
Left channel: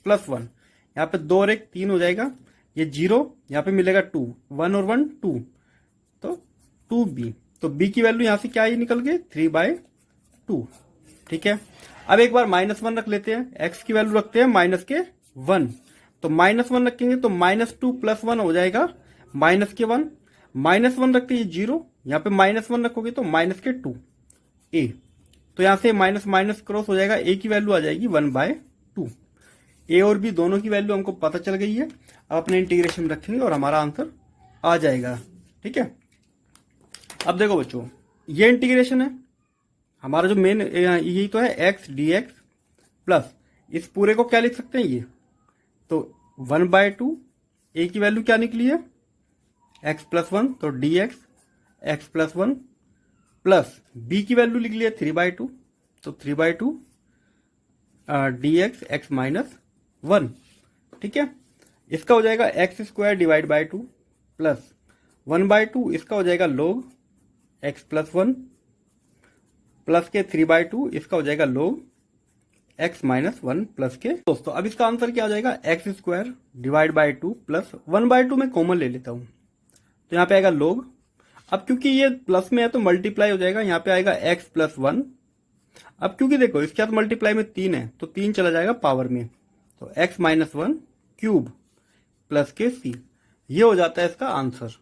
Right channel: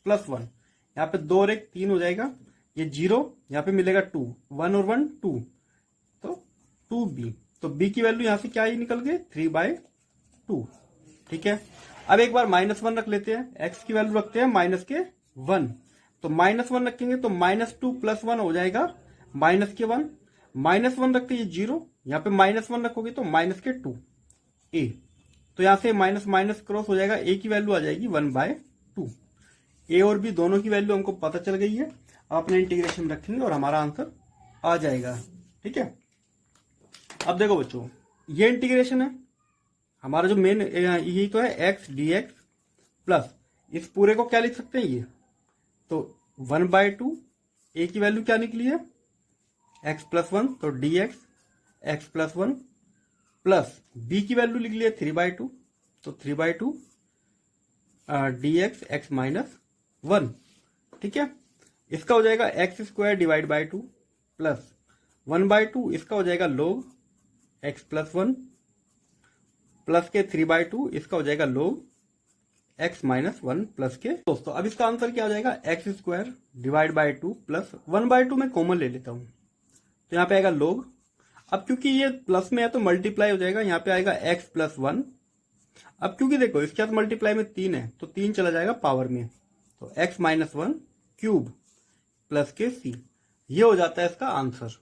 प्लस 1, यहाँ पे 2 और 1 3 हो जाएगा, ये 0, यहाँ पे मिलेगा 2, 1 और 1 2, तो 2b, तो b की वैल्यू यहाँ से क्या ही निकल गई 3/2, ठीक है। अब एक बार माइनस 1 रख लेते हैं, x की वैल्यू रखते हैं माइनस के 1, तो माइनस 1 रखेंगे तो माइनस 2 प्लस 1 हो जाएगा माइनस के 1, माइनस 1 रखते हैं 0, यहाँ पे माइनस 1 रखोगे तो माइनस के 2 a, तो यहाँ से माइनस माइनस क्रॉस हो जाएगा, a की वैल्यू आ जाएगी 1/2। a और b दोनों की वैल्यू हमको पता चल गई है, अपने इंटीग्रेशन में रखेंगे और हमारा आंसर आ जाएगा, ठीक है। अब देखो बच्चों, ये इंटीग्रेशन है हमारा, जो मेन यही तो है x dx प्लस इस पूरे को क्या लिख सकते हैं, ये तो 1/2, a की वैल्यू क्या निकली है x प्लस 1, तो dx x plus 1 plus b की वैल्यू लिख लिया 3/2, तो 3/2 dx x माइनस 1, ठीक है। इसका हो जाएगा x square divide by 2 plus 1/2, इसका हो जाएगा log x प्लस 1 प्लस के 3/2, इसका हो जाएगा log x माइनस 1 प्लस के। दोस्तों अब इसका आंसर क्या हो जाएगा, x square divide by 2 plus 1/2 में कॉमन ले लेता हूं तो यहाँ पे आएगा log। अब क्योंकि ये प्लस में है तो मल्टीप्लाई हो जाएगा, यहाँ पे आएगा x प्लस 1। अब क्योंकि देखो इसके साथ मल्टीप्लाई में 3 है तो 3 चला जाएगा पावर में, तो x माइनस 1 क्यूब प्लस के c, ये हो जाता है इसका आंसर।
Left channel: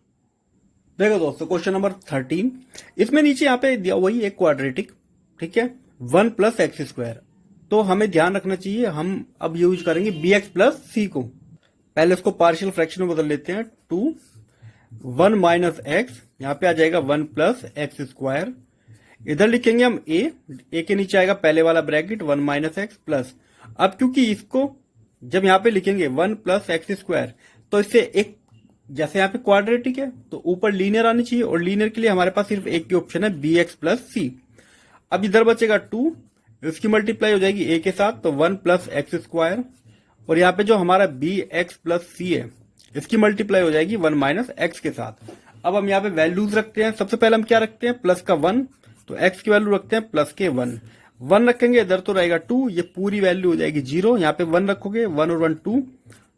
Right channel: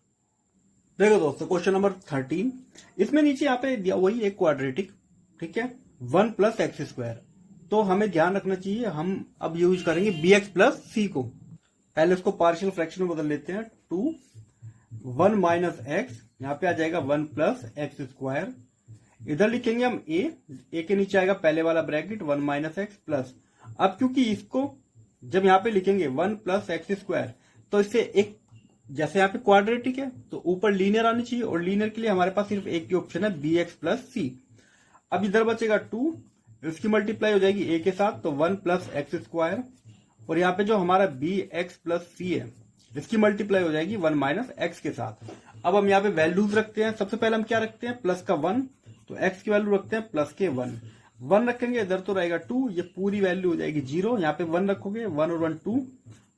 देखो दोस्तों क्वेश्चन नंबर 13, इसमें नीचे यहाँ पे दिया वही एक क्वाड्रेटिक, ठीक है, 1 प्लस एक्स स्क्वायर। तो हमें ध्यान रखना चाहिए, हम अब यूज करेंगे bx प्लस c को। पहले इसको पार्शियल फ्रैक्शन में बदल लेते हैं, 2 1 माइनस एक्स, यहाँ पे आ जाएगा 1 प्लस एक्स स्क्वायर। इधर लिखेंगे हम a के नीचे आएगा पहले वाला ब्रैकेट 1 माइनस एक्स प्लस। अब क्योंकि इसको जब यहाँ पे लिखेंगे 1 प्लस एक्स स्क्वायर तो इससे एक, जैसे यहाँ पे क्वाड्रेटिक है तो ऊपर लीनियर आनी चाहिए, और लीनियर के लिए हमारे पास सिर्फ एक ही ऑप्शन है bx प्लस c। अब इधर बचेगा 2, इसकी मल्टीप्लाई हो जाएगी a के साथ तो 1 प्लस एक्स स्क्वायर, और यहाँ पे जो हमारा bx प्लस c है इसकी मल्टीप्लाई हो जाएगी 1 माइनस एक्स के साथ। अब हम यहाँ पे वैल्यूज रखते हैं, सबसे पहले हम क्या रखते हैं, प्लस का 1, तो x की वैल्यू रखते हैं प्लस के 1 रखेंगे, इधर तो रहेगा 2, ये पूरी वैल्यू हो जाएगी 0, यहाँ पे 1 रखोगे 1 और 1 2,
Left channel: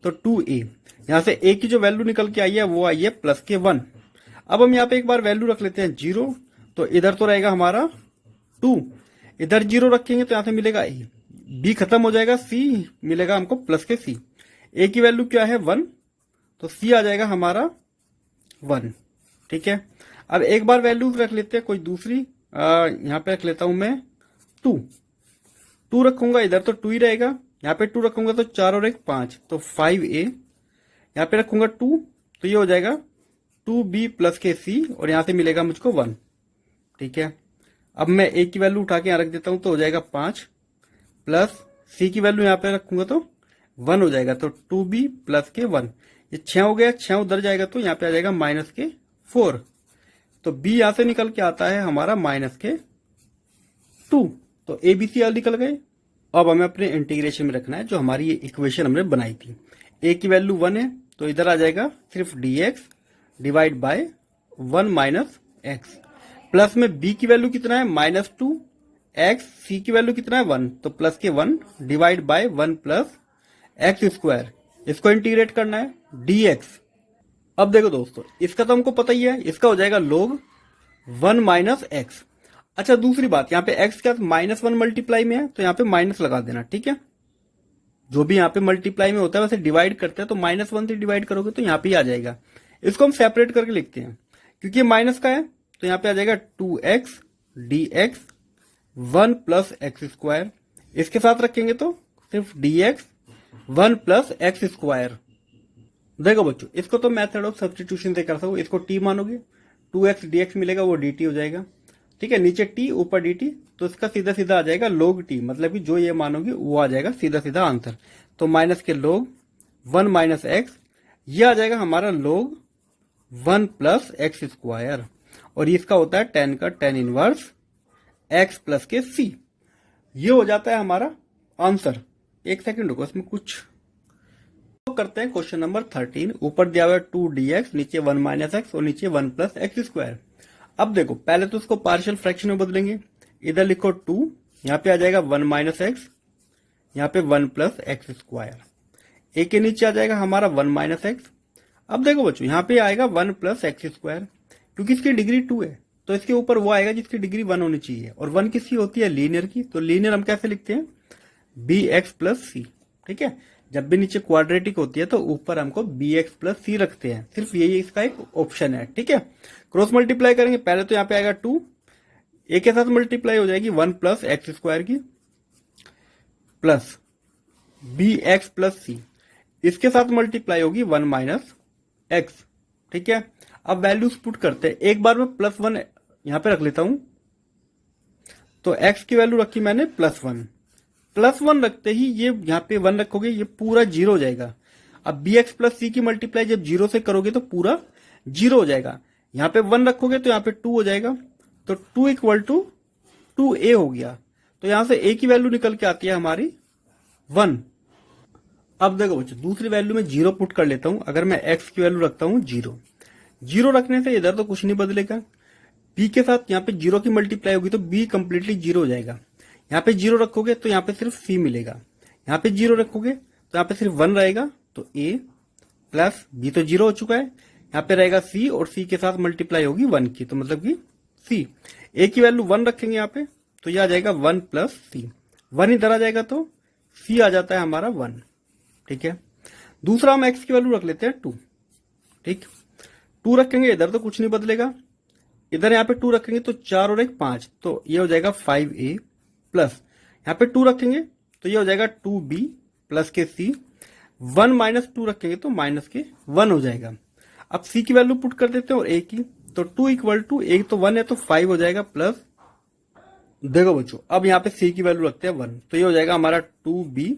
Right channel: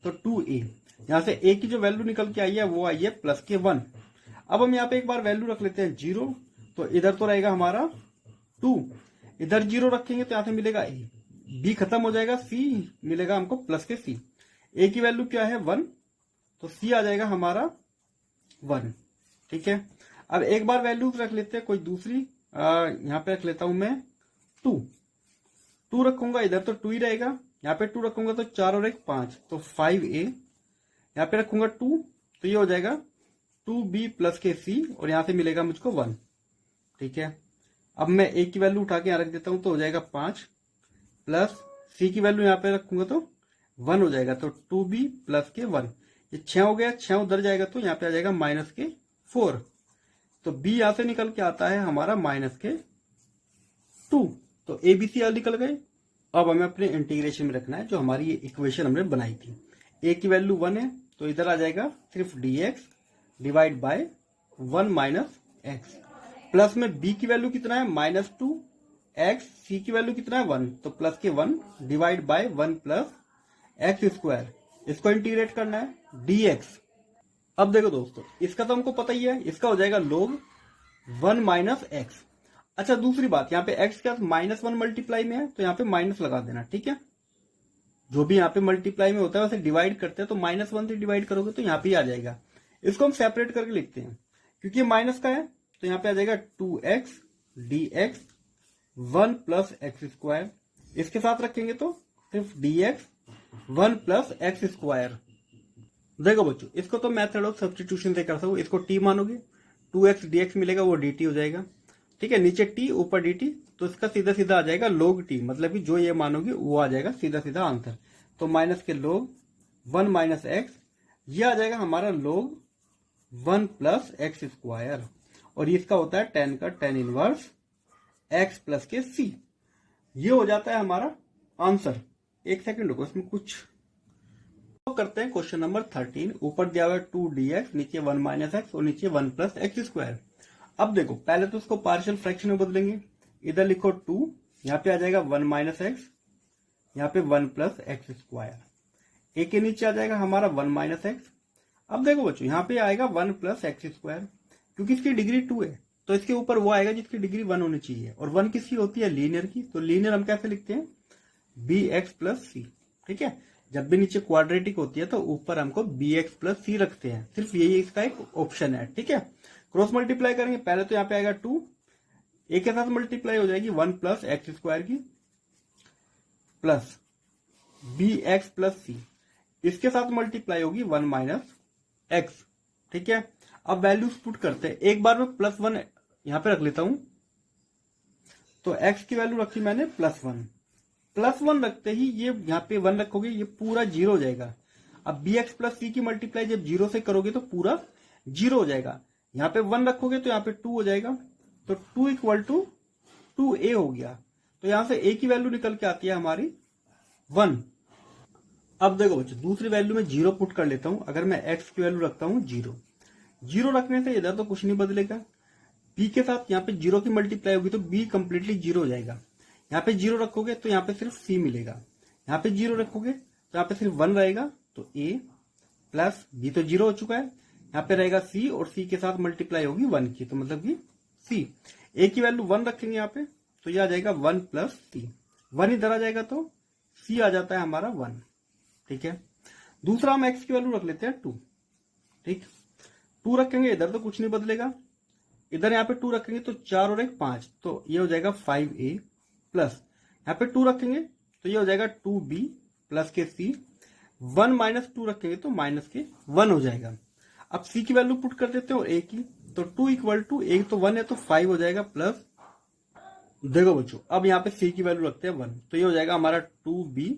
तो 2a, यहाँ से a की जो वैल्यू निकल के आई है वो आई है प्लस के 1। अब हम यहाँ पे एक बार वैल्यू रख लेते हैं 0, तो इधर तो रहेगा हमारा 2, इधर 0 रखेंगे तो यहाँ से मिलेगा a, b खत्म हो जाएगा, c मिलेगा हमको प्लस के c, a की वैल्यू क्या है 1, तो c आ जाएगा हमारा 1, ठीक है। अब एक बार वैल्यूज रख लेते हैं कोई दूसरी, यहाँ पे रख लेता हूं मैं टू, टू रखूंगा इधर तो टू ही रहेगा, यहाँ पे टू रखूंगा तो 4 और 1 5, तो 5a, यहाँ पे रखूंगा 2 तो ये हो जाएगा 2b प्लस के c, और यहाँ से मिलेगा मुझको 1। ठीक है, अब मैं a की वैल्यू उठा के यहाँ रख देता हूं तो हो जाएगा 5, प्लस c की वैल्यू यहाँ पे रखूंगा तो 1 हो जाएगा, तो 2b प्लस के 1, ये 6 हो गया, 6 उधर जाएगा तो यहाँ पे आ जाएगा माइनस के 4, तो b यहां से निकल के आता है हमारा माइनस के 2, तो a b c आल निकल गए। अब हमें अपने इंटीग्रेशन में रखना है जो हमारी ये इक्वेशन हमने बनाई थी। a की वैल्यू 1 है तो इधर आ जाएगा सिर्फ dx divide by 1 minus x, plus में b की वैल्यू कितना है -2 x, c की वैल्यू कितना है 1, तो प्लस के 1 divide by 1 plus x square, इसको इंटीग्रेट करना है dx। अब देखो दोस्तों, इसका तो हमको पता ही है, इसका हो जाएगा log 1 माइनस एक्स। अच्छा दूसरी बात, यहाँ पे x क्या -1 मल्टीप्लाई में है तो यहाँ पे माइनस लगा देना। ठीक है, जो भी यहाँ पे मल्टीप्लाई में होता है वैसे डिवाइड करते हैं तो -1 से डिवाइड करोगे तो यहाँ पे आ जाएगा। इसको हम सेपरेट करके लिखते हैं क्योंकि ये माइनस का है, तो यहाँ पे आ जाएगा 2x dx 1 plus x square, इसके साथ रखेंगे तो सिर्फ dx 1 प्लस एक्स स्क्वायर। देखो बच्चों, इसको तो मेथड ऑफ सब्स्टिट्यूशन से कर सको, इसको t मानोगे 2x dx मिलेगा वो dt हो जाएगा। ठीक है, नीचे t ऊपर dt, तो इसका सीधा सीधा आ जाएगा log t, मतलब कि जो ये मानोगे वो आ जाएगा सीधा सीधा आंसर। तो माइनस के log 1 माइनस एक्स, ये आ जाएगा हमारा log 1 प्लस एक्स स्क्वायर, और इसका होता है tan का tan इनवर्स x प्लस के c, ये हो जाता है हमारा आंसर। एक सेकंड रुको, इसमें कुछ तो करते हैं। क्वेश्चन नंबर 13, ऊपर दिया हुआ है 2dx, नीचे 1 माइनस एक्स और नीचे 1 प्लस एक्स स्क्वायर। अब देखो, पहले तो इसको पार्शियल फ्रैक्शन में बदलेंगे, इधर लिखो 2, यहाँ पे आ जाएगा 1 माइनस एक्स, यहाँ पे 1 प्लस एक्स स्क्वायर, ए के नीचे आ जाएगा हमारा 1 माइनस एक्स। अब देखो बच्चों, यहाँ पे आएगा 1 प्लस एक्स स्क्वायर, क्योंकि इसकी डिग्री 2 है तो इसके ऊपर वो आएगा जिसकी डिग्री 1 होनी चाहिए, और 1 किसकी होती है, लीनियर की, तो लीनियर हम कैसे लिखते हैं, bx प्लस सी। ठीक है, जब भी नीचे क्वाड्रेटिक होती है तो ऊपर हमको bx प्लस सी रखते हैं, सिर्फ यही इसका एक ऑप्शन है। ठीक है, क्रॉस मल्टीप्लाई करेंगे, पहले तो यहाँ पे आएगा 2, ए के साथ मल्टीप्लाई हो जाएगी 1 प्लस एक्स स्क्वायर की, प्लस bx प्लस सी, इसके साथ मल्टीप्लाई होगी 1 माइनस एक्स। ठीक है, अब वैल्यूज पुट करते हैं, एक बार में +1 यहां पे रख लेता हूं, तो x की वैल्यू रखी मैंने +1, +1 रखते ही ये यहाँ पे 1 रखोगे ये पूरा 0 हो जाएगा। अब bx प्लस सी की मल्टीप्लाई जब 0 से करोगे तो पूरा 0 हो जाएगा, यहाँ पे 1 रखोगे तो यहाँ पे 2 हो जाएगा, तो 2 इक्वल टू 2a हो गया, तो यहां से a की वैल्यू निकल के आती है हमारी 1। अब देखो बच्चों, दूसरी वैल्यू में 0 पुट कर लेता हूं, अगर मैं x की वैल्यू रखता हूं 0, 0 रखने से इधर तो कुछ नहीं बदलेगा, b के साथ यहाँ पे 0 की मल्टीप्लाई होगी तो b कंप्लीटली 0 हो जाएगा, यहाँ पे 0 रखोगे तो यहाँ पे सिर्फ c मिलेगा, यहाँ पे 0 रखोगे तो यहाँ पे सिर्फ 1 रहेगा, तो a प्लस b तो 0 हो चुका है, यहाँ पे रहेगा c और c के साथ मल्टीप्लाई होगी 1 की, तो मतलब कि c, a की वैल्यू 1 रखेंगे यहाँ पे तो यह आ जाएगा 1 प्लस c, 1 इधर आ जाएगा तो c आ जाता है हमारा 1। ठीक है, दूसरा हम x की वैल्यू रख लेते हैं 2। ठीक, 2 रखेंगे इधर तो कुछ नहीं बदलेगा, इधर यहाँ पे 2 रखेंगे तो 4 और 1 5, तो ये हो जाएगा 5a, प्लस यहाँ पे 2 रखेंगे तो ये हो जाएगा 2b प्लस के c, 1 माइनस 2 रखेंगे तो माइनस के 1 हो जाएगा। अब c की वैल्यू पुट कर देते हैं और a की, तो 2 इक्वल टू, एक तो 1 है तो 5 हो जाएगा, प्लस देखो बच्चों अब यहाँ पे c की वैल्यू रखते हैं 1, तो ये हो जाएगा हमारा 2b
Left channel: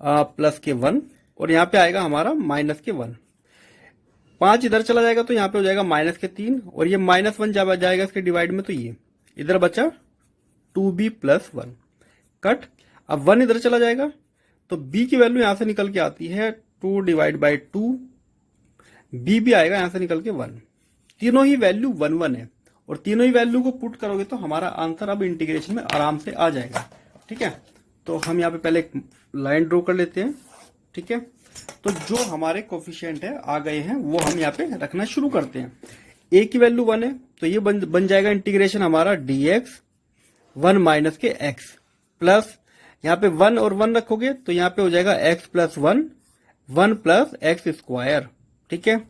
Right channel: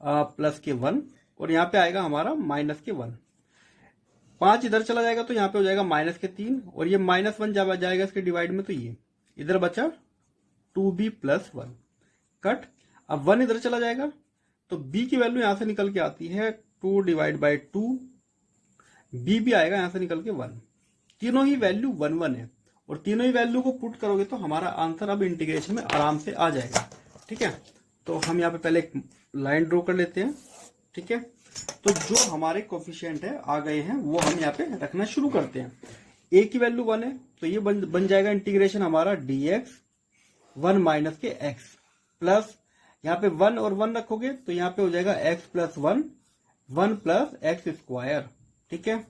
प्लस के 1, और यहाँ पे आएगा हमारा माइनस के 1, 5 इधर चला जाएगा तो यहाँ पे हो जाएगा माइनस के 3, और ये -1 जाएगा इसके डिवाइड में, तो ये इधर बचा 2b प्लस 1, कट। अब 1 इधर चला जाएगा तो b की वैल्यू यहां से निकल के आती है 2 डिवाइड बाई 2, b भी आएगा यहां से निकल के 1, तीनों ही वैल्यू 1 1 है, और तीनों ही वैल्यू को पुट करोगे तो हमारा आंसर अब इंटीग्रेशन में आराम से आ जाएगा। ठीक है, तो हम यहाँ पे पहले एक लाइन ड्रॉ कर लेते हैं। ठीक है, तो जो हमारे कोफिशिएंट है आ गए हैं वो हम यहाँ पे रखना शुरू करते हैं। a की वैल्यू 1 है तो ये बन जाएगा इंटीग्रेशन हमारा dx 1 माइनस के x, प्लस यहाँ पे 1 और 1 रखोगे तो यहाँ पे हो जाएगा x plus 1 1 plus x square. ठीक है,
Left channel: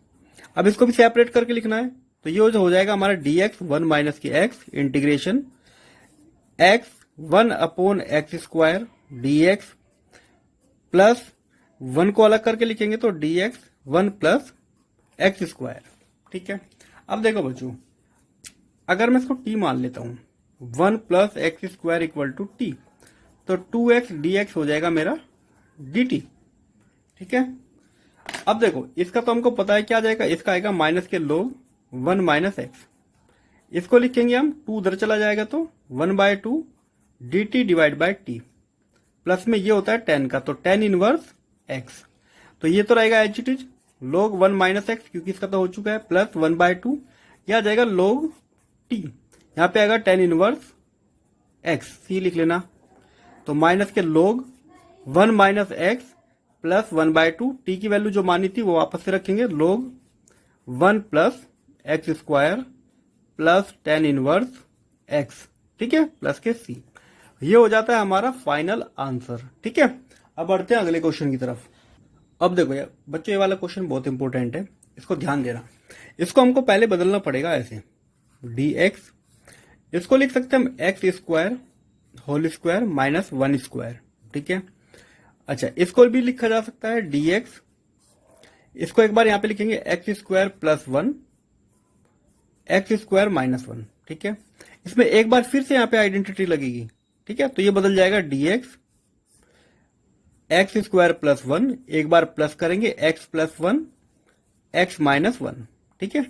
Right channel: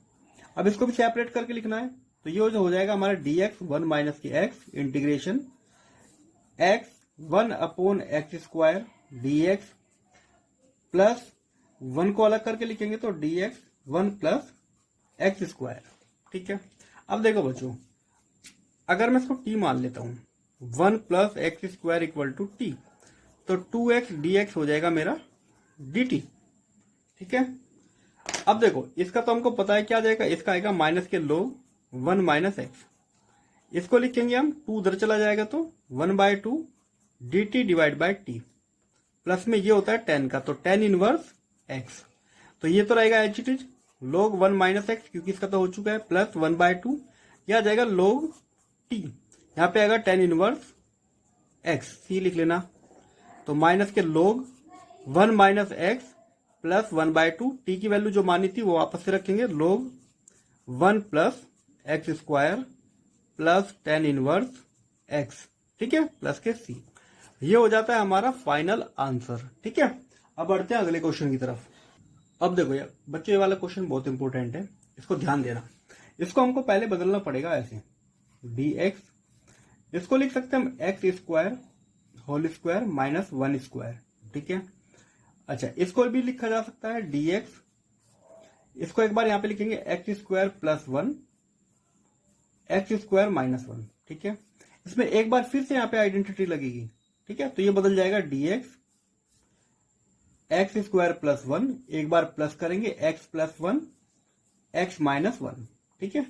अब इसको भी सेपरेट करके लिखना है, तो ये हो जाएगा हमारा dx 1 माइनस के x integration x 1/x² dx plus 1 को अलग करके लिखेंगे तो dx 1 + x²। ठीक है, अब देखो बच्चों, अगर मैं इसको t मान लेता हूं 1 + x² = t, तो 2x dx हो जाएगा मेरा dt। ठीक है, अब देखो इसका तो हमको पता है क्या आ जाएगा, इसका आएगा माइनस के लोग 1 - x, इसको लिखेंगे हम 2 उधर चला जाएगा तो 1/2 dt / t, प्लस में ये होता है 10 का तो tan इनवर्स x, तो ये तो रहेगा H it is log 1 - x क्योंकि इसका तो हो चुका है, प्लस 1/2 यह आ जाएगा log t, यहाँ पे आएगा tan इनवर्स x, c लिख लेना, तो माइनस के log 1 - x प्लस 1/2 t की वैल्यू जो मानी थी वो वापस से रखेंगे log 1 + x² plus tan inverse x। ठीक है, प्लस के c, ये हो जाता है हमारा फाइनल आंसर। ठीक है, अब बढ़ते हैं अगले क्वेश्चन की तरफ। अब देखो यार बच्चों, ये वाला क्वेश्चन बहुत इंपॉर्टेंट है, इसको ध्यान देना। इसको हमको पहले बदलना पड़ेगा ऐसे, dx इसको लिख सकते हैं हम x² होल स्क्वायर माइनस 1²। ठीक है, अच्छा इसको भी लिखा जा सकता है dx, इसको एक बार यहां पे लिखेंगे x² + 1 x² - 1। ठीक है, इसमें एक बार फिर से यहाँ पे आइडेंटिटी लगेगी। ठीक है, तो ये बदल जाएगा dx x² + 1, एक बार प्लस करेंगे x + 1 x - 1। ठीक है,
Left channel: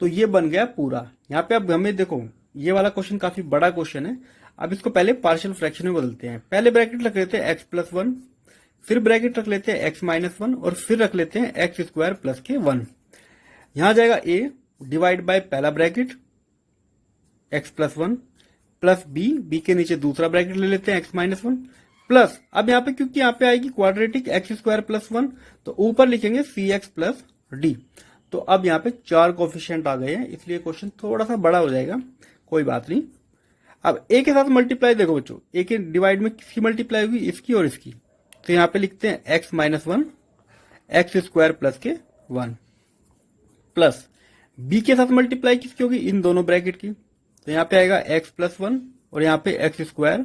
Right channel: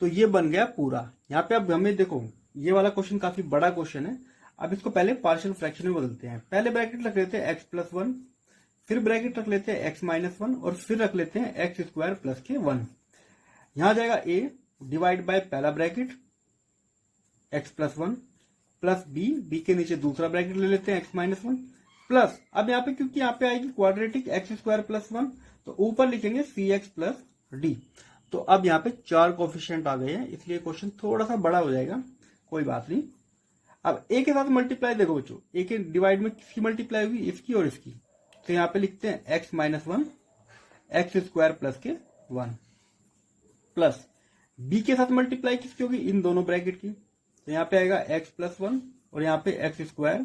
तो ये बन गया पूरा। यहाँ पे अब हमें देखो ये वाला क्वेश्चन काफी बड़ा क्वेश्चन है, अब इसको पहले पार्शियल फ्रैक्शन में बदलते हैं। पहले ब्रैकेट रख लेते हैं x + 1, फिर ब्रैकेट रख लेते हैं x - 1 और फिर रख लेते हैं x² + के 1। यहां जाएगा a डिवाइड बाय पहला ब्रैकेट x + 1 प्लस b के नीचे दूसरा ब्रैकेट ले लेते हैं x - 1 प्लस, अब यहाँ पे क्योंकि यहाँ पे आएगी क्वाड्रेटिक x² + 1 तो ऊपर लिखेंगे cx + d। तो अब यहाँ पे 4 कोफिशिएंट आ गए हैं, इसलिए क्वेश्चन थोड़ा सा बड़ा हो जाएगा, कोई बात नहीं। अब a के साथ मल्टीप्लाई देखो बच्चों, a के डिवाइड में किसकी मल्टीप्लाई होगी, इसकी और इसकी, तो यहाँ पे लिखते हैं x - 1 x² + के 1 प्लस b के साथ मल्टीप्लाई किसकी होगी, इन दोनों ब्रैकेट की, तो यहाँ पे आएगा x + 1 और यहाँ पे x² + 1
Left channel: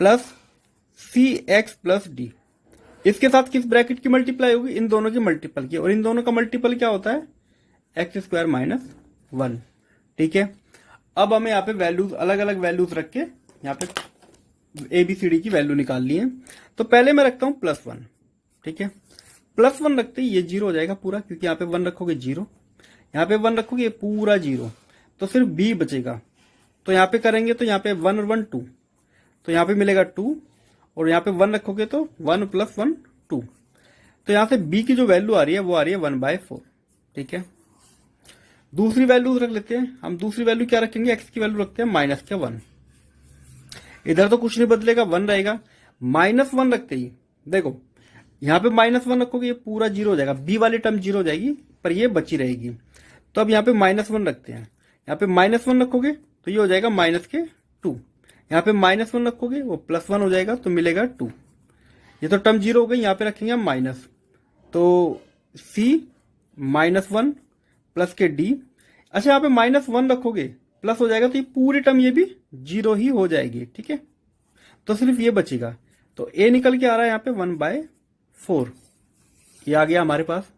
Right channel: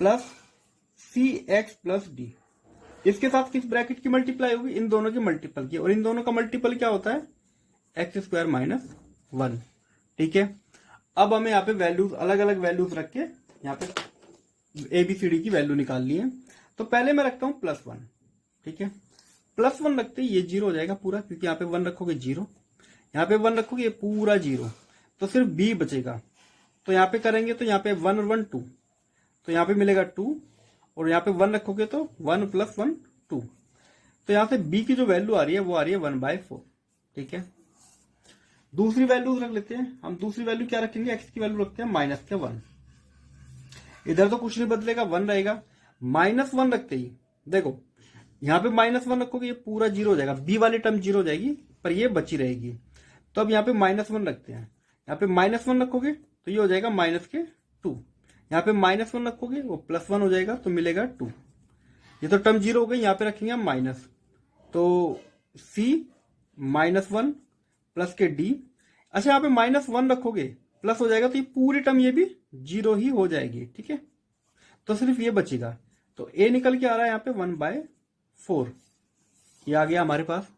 प्लस cx + d, इसके साथ किस ब्रैकेट की मल्टीप्लाई होगी, इन दोनों के मल्टीपल की, और इन दोनों का मल्टीपल क्या होता है x² - 1। ठीक है, अब हमें यहाँ पे वैल्यूज अलग अलग वैल्यूज रख के यहाँ पे ABCD की वैल्यू निकालनी है। तो पहले मैं रखता हूं +1। ठीक है, +1 रखते ही ये 0 हो जाएगा पूरा, क्योंकि यहाँ पे 1 रखोगे 0, यहाँ पे 1 रखोगे ये पूरा 0, तो सिर्फ b बचेगा। तो यहाँ पे करेंगे तो यहाँ पे 1 और 1 2, तो यहाँ पे मिलेगा 2, और यहाँ पे 1 रखोगे तो 1 + 1 2, तो यहाँ से b की जो वैल्यू आ रही है वो आ रही है 1/4। ठीक है, दूसरी वैल्यू रख लेते हैं हम, दूसरी वैल्यू क्या रखेंगे, x की वैल्यू रखते हैं -1। इधर तो कुछ नहीं बदलेगा, 1 रहेगा, -1 रखते ही देखो यहाँ पे -1 रखोगे ये पूरा 0 हो जाएगा, b वाली टर्म 0 हो जाएगी पर ये बची रहेगी। तो अब यहाँ पे -1 रखते हैं, यहाँ पे -1 रखोगे तो ये हो जाएगा -2, यहाँ पे -1 रखोगे वो +1 हो जाएगा तो मिलेगा 2, ये तो टर्म 0 हो गई, यहाँ पे रखेंगे हम माइनस, तो c -1 प्लस के d। अच्छा यहाँ पे -1 रखोगे प्लस हो जाएगा तो ये पूरी टर्म ये भी 0 ही हो जाएगी। ठीक है, तो सिर्फ ये बचेगा, तो a निकल के आ रहा है यहाँ पे 1/4, ये आ गया हमारे पास।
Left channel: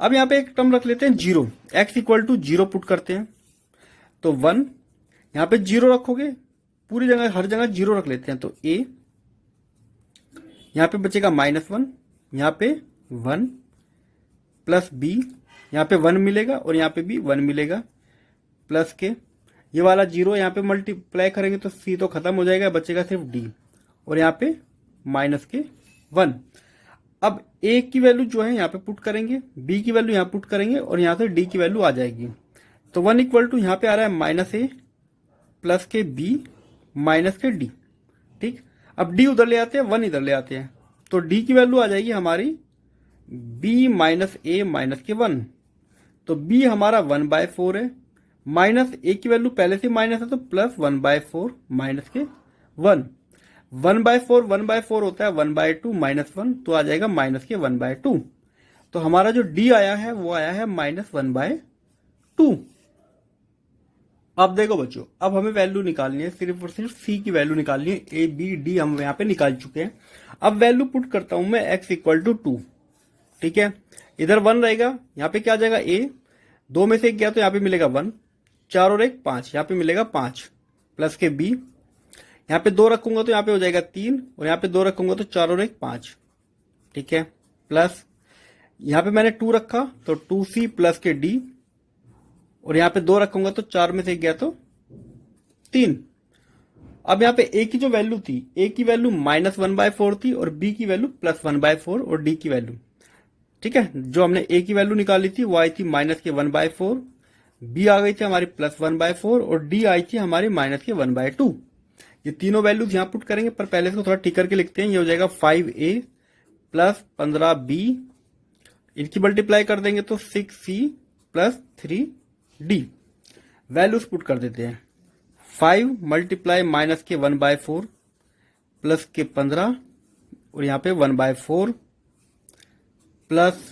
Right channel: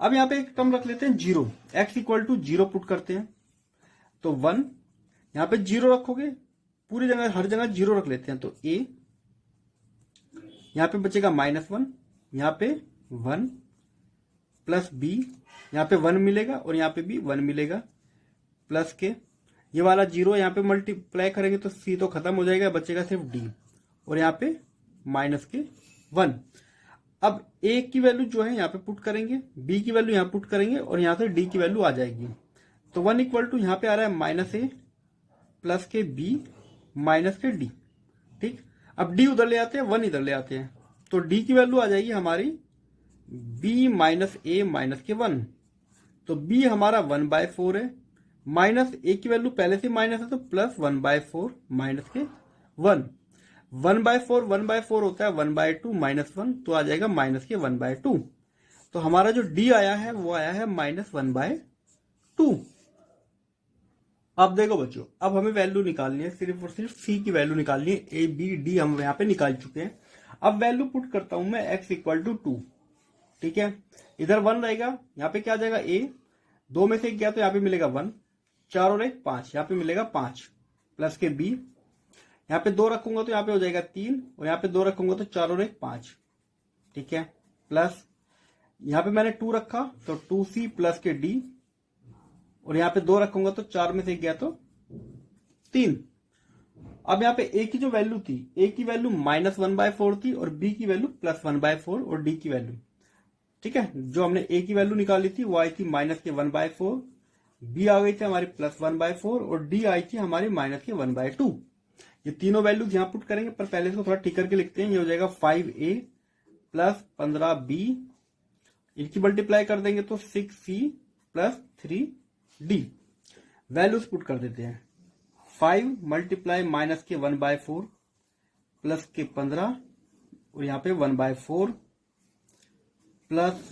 अब यहाँ पे एक टर्म रख लेते हैं 0, x = 0 पुट करते हैं, तो 1 यहाँ पे 0 रखोगे, पूरी जगह हर जगह 0 रख लेते हैं, तो a यहाँ पे बचेगा -1, यहाँ पे 1 प्लस b, यहाँ पे 1 मिलेगा और यहाँ पे भी 1 मिलेगा, प्लस के ये वाला 0 यहाँ पे मल्टीप्लाई करेंगे तो c तो खत्म हो जाएगा, बचेगा सिर्फ d, और यहाँ पे -1। अब a की वैल्यू जो है यहाँ पे पुट करेंगे, b की वैल्यू यहाँ पुट करेंगे और यहाँ से d की वैल्यू आ जाएगी। तो 1 = यहाँ पे आ रहा है -a प्लस के b माइनस के d। ठीक, अब d उधर ले आते हैं, 1 इधर ले आते हैं, तो d की वैल्यू आ जाएगी हमारी b - a - के 1, तो b हमारा 1/4 है, माइनस a की वैल्यू पहले से माइनस है तो प्लस 1/4 माइनस के 1, 1/4 होता है 1/2 -1, तो आ जाएगा माइनस के 1/2। तो हमारा जो d आया है वो आया है -1/2। अब देखो बच्चों, अब हमें वैल्यू निकालनी है, सिर्फ और सिर्फ सी की वैल्यू निकालनी है। ए बी डी हम यहाँ पे निकाल चुके हैं। अब वैल्यू पुट करता हूं मैं x इक्वल टू 2, ठीक है। इधर 1 रहेगा, यहाँ पे क्या आ जाएगा a, 2 में से 1 गया तो यहाँ पे मिलेगा 1, 4 और 1 5, यहाँ पे मिलेगा 5 प्लस के b, यहाँ पे 2 रखूंगा तो यहाँ पे हो जाएगा 3, और यहाँ पे 2 रखूंगा तो 4 और 1 5, ठीक है। प्लस यहाँ पे मैंने 2 रखा तो 2c प्लस के d, और यहाँ पे 2 रखूंगा तो 4 में से 1 गया तो 3। अब यहाँ पे a की जो वैल्यू थी, a की वैल्यू -1/4 थी, और b की वैल्यू +1/4, और d की वैल्यू, ठीक है, जो हमने a की वैल्यू निकाली थी वो आई थी -1/4, b आ गई थी हमारी +1/4, और d आई थी हमारी -1/2। ये तीनों वैल्यूज यहाँ पुट करेंगे, पर पहले इसको थोड़ा ठीक करके लिखते हैं। ये हो जाएगा 5a प्लस 15b, इनकी मल्टीप्लाई कर देंगे तो 6c plus 3d। Values put कर देते हैं। 5 मल्टीप्लाई -1/4 प्लस के 15, और यहाँ पे 1/4 प्लस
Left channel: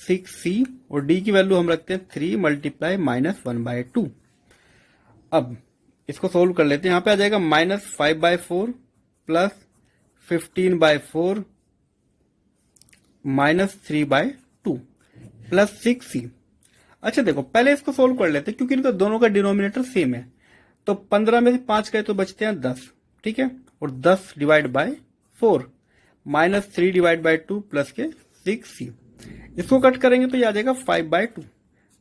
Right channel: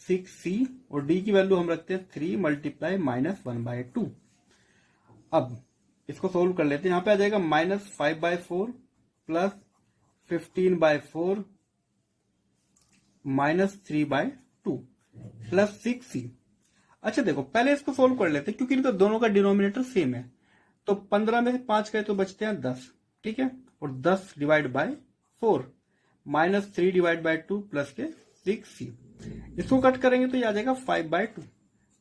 6c, और d की वैल्यू हम रखते हैं 3 मल्टीप्लाई -1/2। अब इसको सोल्व कर लेते हैं। यहाँ पे आ जाएगा -5/4 प्लस 15/4 -3/2 प्लस 6c। अच्छा देखो, पहले इसको सोल्व कर लेते हैं क्योंकि इनका दोनों का डिनोमिनेटर सेम है। तो 15 में से 5 गए तो बचते हैं 10, ठीक है, और 10 divide by 4 -3 divide by 2 plus के 6c। इसको कट करेंगे तो ये आ जाएगा 5/2।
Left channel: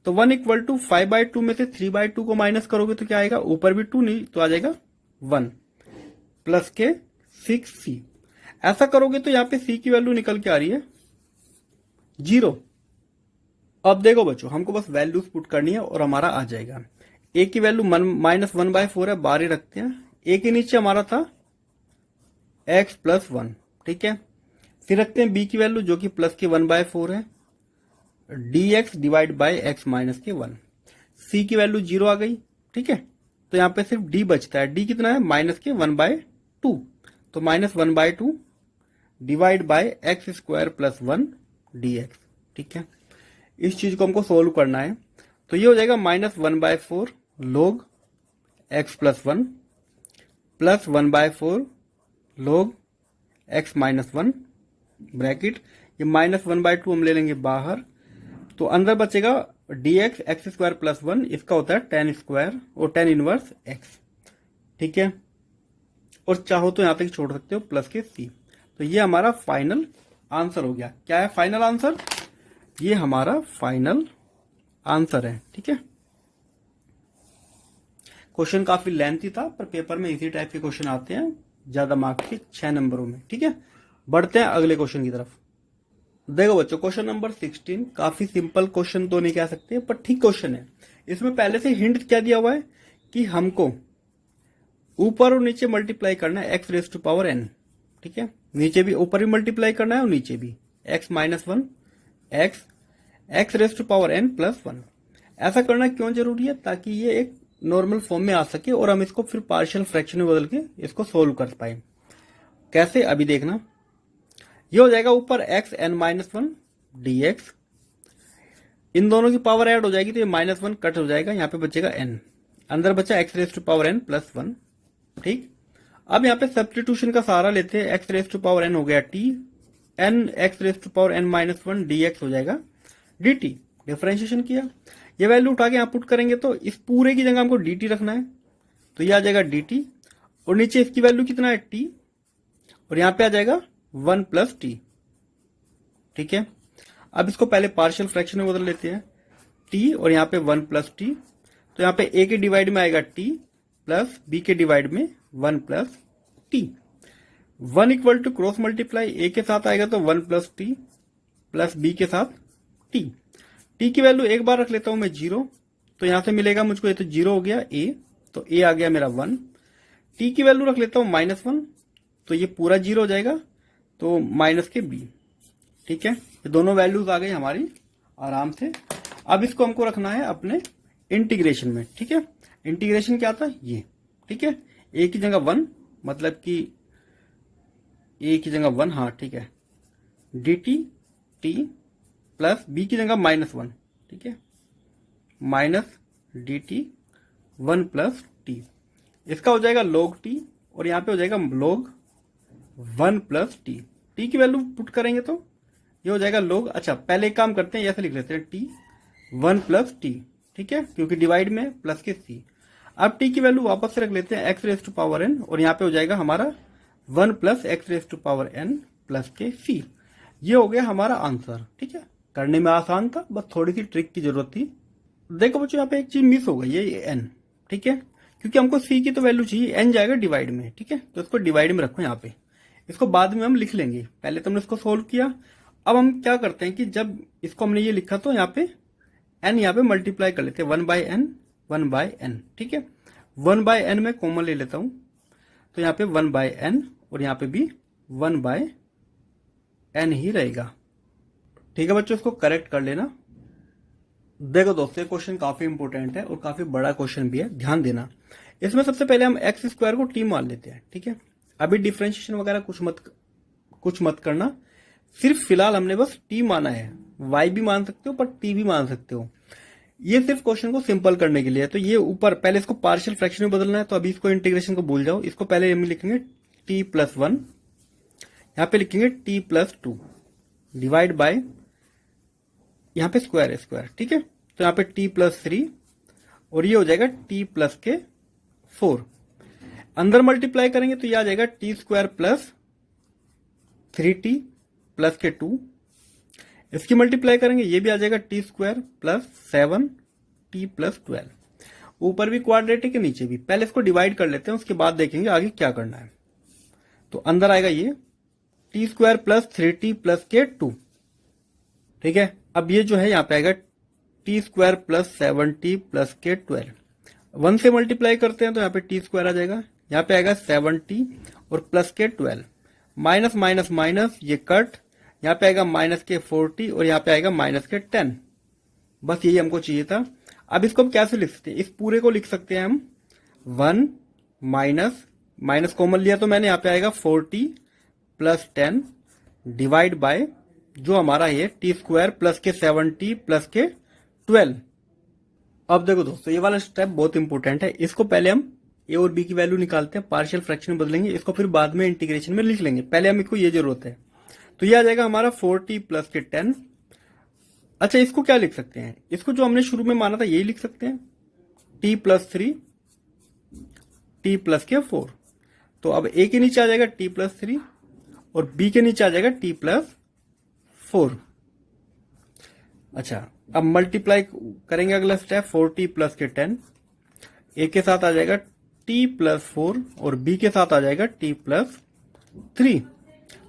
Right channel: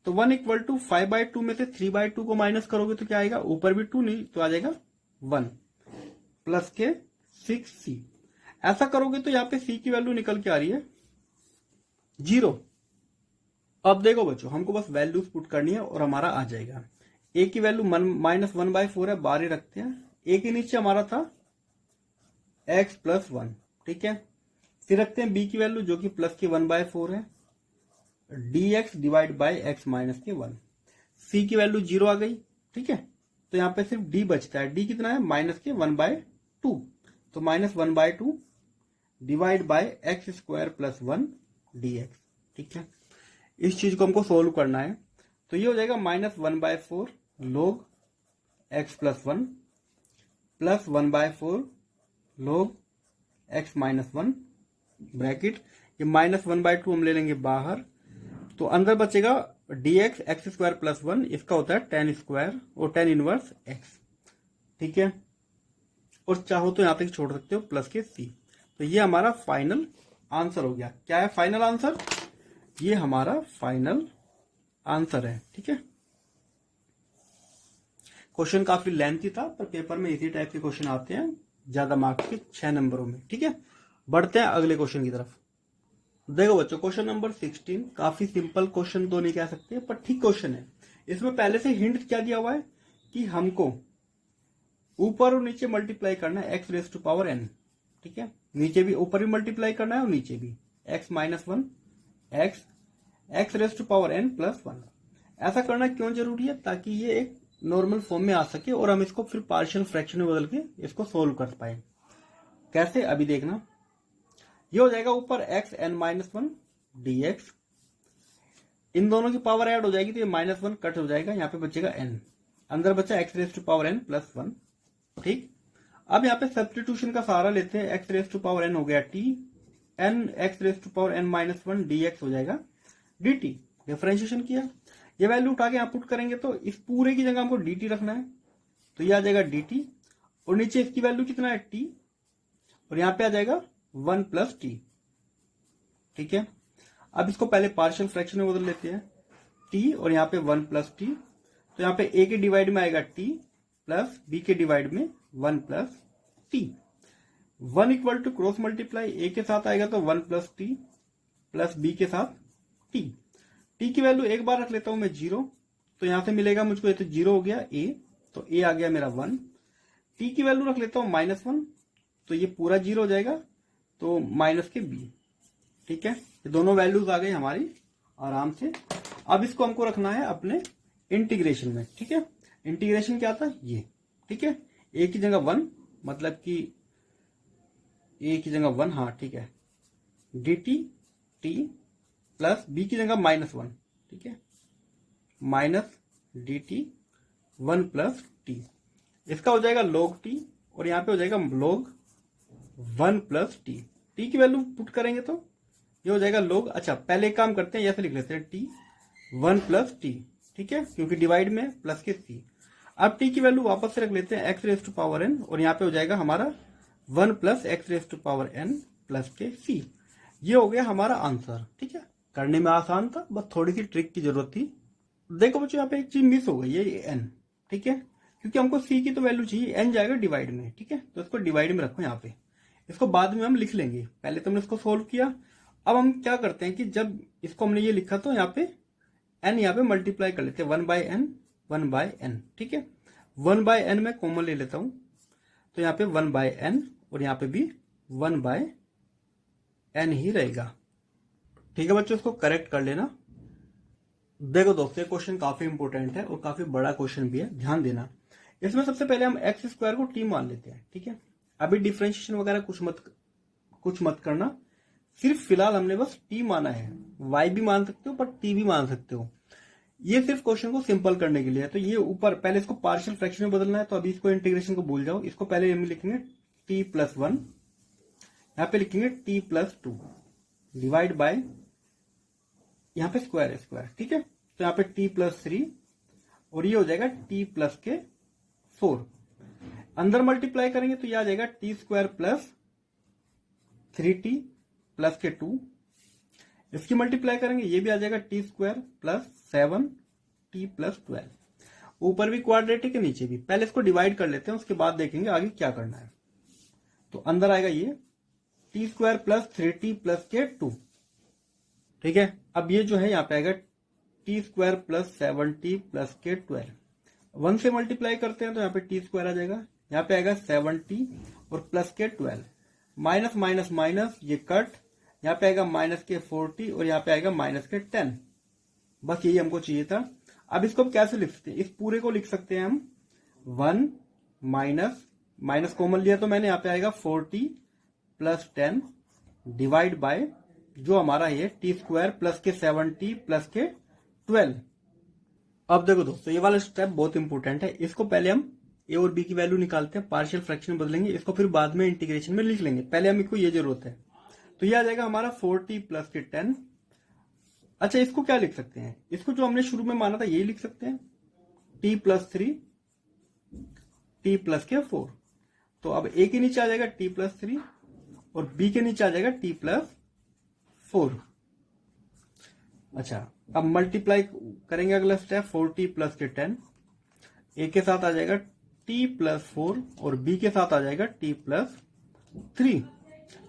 तो 1 इक्वल टू 5/2 में से 3/2 को माइनस करोगे तो क्या आएगा, ऊपर भी 2 नहीं तो आ जाएगा 1 प्लस के 6c। ऐसा करोगे तो यहाँ पे c की वैल्यू निकल के आ रही है 0। अब देखो बच्चों, हमको बस वैल्यूज पुट करनी है और हमारा आ जाएगा। a की वैल्यू -1/4 है, बाहर ही रखते हैं। a के नीचे हमारा था x प्लस 1, ठीक है। फिर रखते हैं b की वैल्यू जो कि प्लस के 1/4 है, dx divide by x minus के 1। c की वैल्यू 0 आ गई, ठीक है। तो यहाँ पे सिर्फ d बचता है। d कितना है, माइनस के 1/2, तो -1/2 divide by x square plus 1 dx, ठीक है। इस चीज को हमको सोल्व करना है। तो ये हो जाएगा -1/4 log x plus 1 plus 1/4 log x minus 1 bracket, ये -1/2 हम ले लेंगे बाहर, तो अंदर बचेगा dx x स्क्वायर प्लस 1, इसका होता है tan स्क्वायर और tan इनवर्स x, ठीक है। और चाहो तो यहां तक छोड़ सकते हो प्लस के c। तो ये हमारा फाइनल आंसर हो गया। क्या है फाइनल आंसर, ये हमारा फाइनल आंसर है, ठीक है। क्वेश्चन काफी लेंथी था, पर पेपर में इसी टाइप के क्वेश्चन आते हैं ज्यादा मार्क्स के 6 नंबरों में, ठीक है। बढ़ते हैं अगले क्वेश्चन की तरफ। देखो बच्चों, क्वेश्चन नंबर 16 काफी सिंपल क्वेश्चन तो नहीं कह सकते, पर ठीक क्वेश्चन है। इसमें पहले से हिंट क्या दिया हुआ है कि हमको ऊपर और नीचे मल्टीप्लाई करना है x raise to power n, ठीक है। नीचे भी, ऊपर भी मल्टीप्लाई करना है और नीचे भी x minus 1 x raise to power n plus 1। ऐसा करना क्यों जरूरी है, ताकि ये एक नॉर्मल फॉर्म में आ सके और हम इसको फिर पार्शियल फ्रैक्शन में बदल के इसको सोल्व कर पाए। कैसे, अभी देखना। ये हो जाएगा ऊपर x n माइनस 1 dx, इन दोनों की पावर ऐड हो जाएगी तो ये -1 कट हो जाएगा, यहाँ पे बचेगा n, अंदर बचा x raise to power n plus 1, ठीक। अब यहाँ पे सब्स्टिट्यूशन का सहारा लेते हैं। x raise to power n हो गया t, n x raise to power n minus 1 dx हो जाएगा dt। डिफरेंशिएशन किया, ये वैल्यू उठा के यहाँ पुट करेंगे तो इस पूरे की जगह हमको dt रखना है, तो ये आ जाएगा dt, और नीचे इसकी वैल्यू कितना है t, और यहाँ पे आ जाएगा 1 प्लस t, ठीक है। अब इसको पहले पार्शियल फ्रैक्शन में बदल लेते हैं, t और यहाँ पे 1 प्लस t, तो यहाँ पे a के डिवाइड में आएगा t प्लस b के डिवाइड में 1 plus t। 1 equal to cross multiply, a के साथ आएगा तो 1 प्लस t प्लस b के साथ t। t की वैल्यू एक बार रख लेता हूं मैं 0, तो यहां से मिलेगा मुझको, ये तो 0 हो गया a, तो a आ गया मेरा 1। t की वैल्यू रख लेता हूं -1, तो ये पूरा 0 हो जाएगा, तो माइनस के b, ठीक है। ये दोनों वैल्यूज आ गई हमारी आराम से। अब इसको हमको रखना है अपने इंटीग्रेशन में, ठीक है। इंटीग्रेशन क्या था ये, ठीक है। a की जगह 1, मतलब कि a की जगह 1, हाँ ठीक है, dt t प्लस b की जगह -1, ठीक है, माइनस dt 1 प्लस टी, इसका हो जाएगा log t और यहाँ पे हो जाएगा log 1 प्लस टी। टी की वैल्यू पुट करेंगे तो ये हो जाएगा log, अच्छा पहले एक काम करते हैं, ऐसे लिख लेते हैं टी 1 प्लस टी, ठीक है, क्योंकि डिवाइड में प्लस के सी। अब टी की वैल्यू वापस से रख लेते हैं x raise to power n और यहाँ पे हो जाएगा हमारा 1 plus x raise to power n plus k c. ये हो गया हमारा आंसर, ठीक है, करने में आसान था, बस थोड़ी सी ट्रिक की जरूरत थी। देखो बच्चों यहाँ पे एक चीज मिस हो गई है, ये एन, ठीक है, क्योंकि हमको सी की तो वैल्यू चाहिए, एन जाएगा डिवाइड में, ठीक है, तो इसको डिवाइड में रखो यहाँ पे, इसको बाद में हम लिख लेंगे, पहले तो हमने इसको सोल्व किया। अब हम क्या करते हैं कि जब इसको हमने ये लिखा तो यहाँ पे एन यहाँ पे मल्टीप्लाई कर लेते हैं 1 बाय एन, ठीक है, 1 बाय एन में कॉमन ले लेता हूं तो यहाँ पे 1 बाय एन और यहाँ पे भी 1 बाय एन ही रहेगा, ठीक है बच्चों, इसको करेक्ट कर लेना। देखो दोस्तों क्वेश्चन काफी इंपोर्टेंट है और काफी बड़ा क्वेश्चन भी है, ध्यान देना। इसमें सबसे पहले हम एक्स स्क्वायर को टी मान लेते हैं, ठीक है, अभी डिफरेंशिएशन वगैरह कुछ मत करना, सिर्फ फिलहाल हमने बस टी माना है, वाई भी मान सकते हो पर टी भी मान सकते हो, ये सिर्फ क्वेश्चन को सिंपल करने के लिए है। तो ये ऊपर पहले इसको पार्शियल फ्रैक्शन में बदलना है, तो अभी इसको इंटीग्रेशन को भूल जाओ, इसको पहले हम लिखेंगे टी प्लस 1, यहाँ पे लिखेंगे टी प्लस 2 डिवाइड बाय, यहाँ पे स्क्वायर है स्क्वायर, ठीक है, तो यहाँ पे टी प्लस 3 और ये हो जाएगा टी प्लस के 4, अंदर मल्टीप्लाई करेंगे तो ये आ जाएगा T square plus 3t plus के 2, इसकी मल्टीप्लाई करेंगे ये भी आ जाएगा T square plus 7t plus 12, ऊपर भी क्वाड्रेटिक है नीचे भी, पहले इसको डिवाइड कर लेते हैं उसके बाद देखेंगे आगे क्या करना है। तो अंदर आएगा ये T square plus 3t plus के 2, ठीक है, अब ये जो है यहाँ पे आएगा T square plus 7t plus के 12, 1 से मल्टीप्लाई करते हैं तो यहाँ पे टी स्क्वायर आ जाएगा, यहाँ पे आएगा 7t और प्लस के 12, माइनस माइनस माइनस ये कट, यहाँ पे आएगा माइनस के 40 और यहाँ पे आएगा माइनस के 10, बस यही हमको चाहिए था। अब इसको हम कैसे लिख सकते हैं, इस पूरे को लिख सकते हैं हम 1 माइनस माइनस कॉमन लिया तो मैंने, यहाँ पे आएगा 40 प्लस 10 डिवाइड बाय जो हमारा ये टी स्क्वायर प्लस के 7t प्लस के 12। अब देखो दोस्तों ये वाला स्टेप बहुत इंपॉर्टेंट है, इसको पहले हम ए और बी की वैल्यू निकालते हैं, पार्शियल फ्रैक्शन में बदलेंगे, इसको फिर बाद में इंटीग्रेशन में लिख लेंगे, पहले हम इसको ये जरूरत है। तो ये आ जाएगा हमारा 40 प्लस के 10। अच्छा इसको क्या लिख सकते हैं, इसको जो हमने शुरू में माना था यही लिख सकते हैं, t प्लस 3 t प्लस के 4। तो अब a के नीचे आ जाएगा t प्लस 3 और b के नीचे आ जाएगा t प्लस 4। अच्छा अब मल्टीप्लाई करेंगे, अगला स्टेप 40 प्लस के 10, a के साथ आ जाएगा t प्लस 4 और b के साथ आ जाएगा t प्लस 3।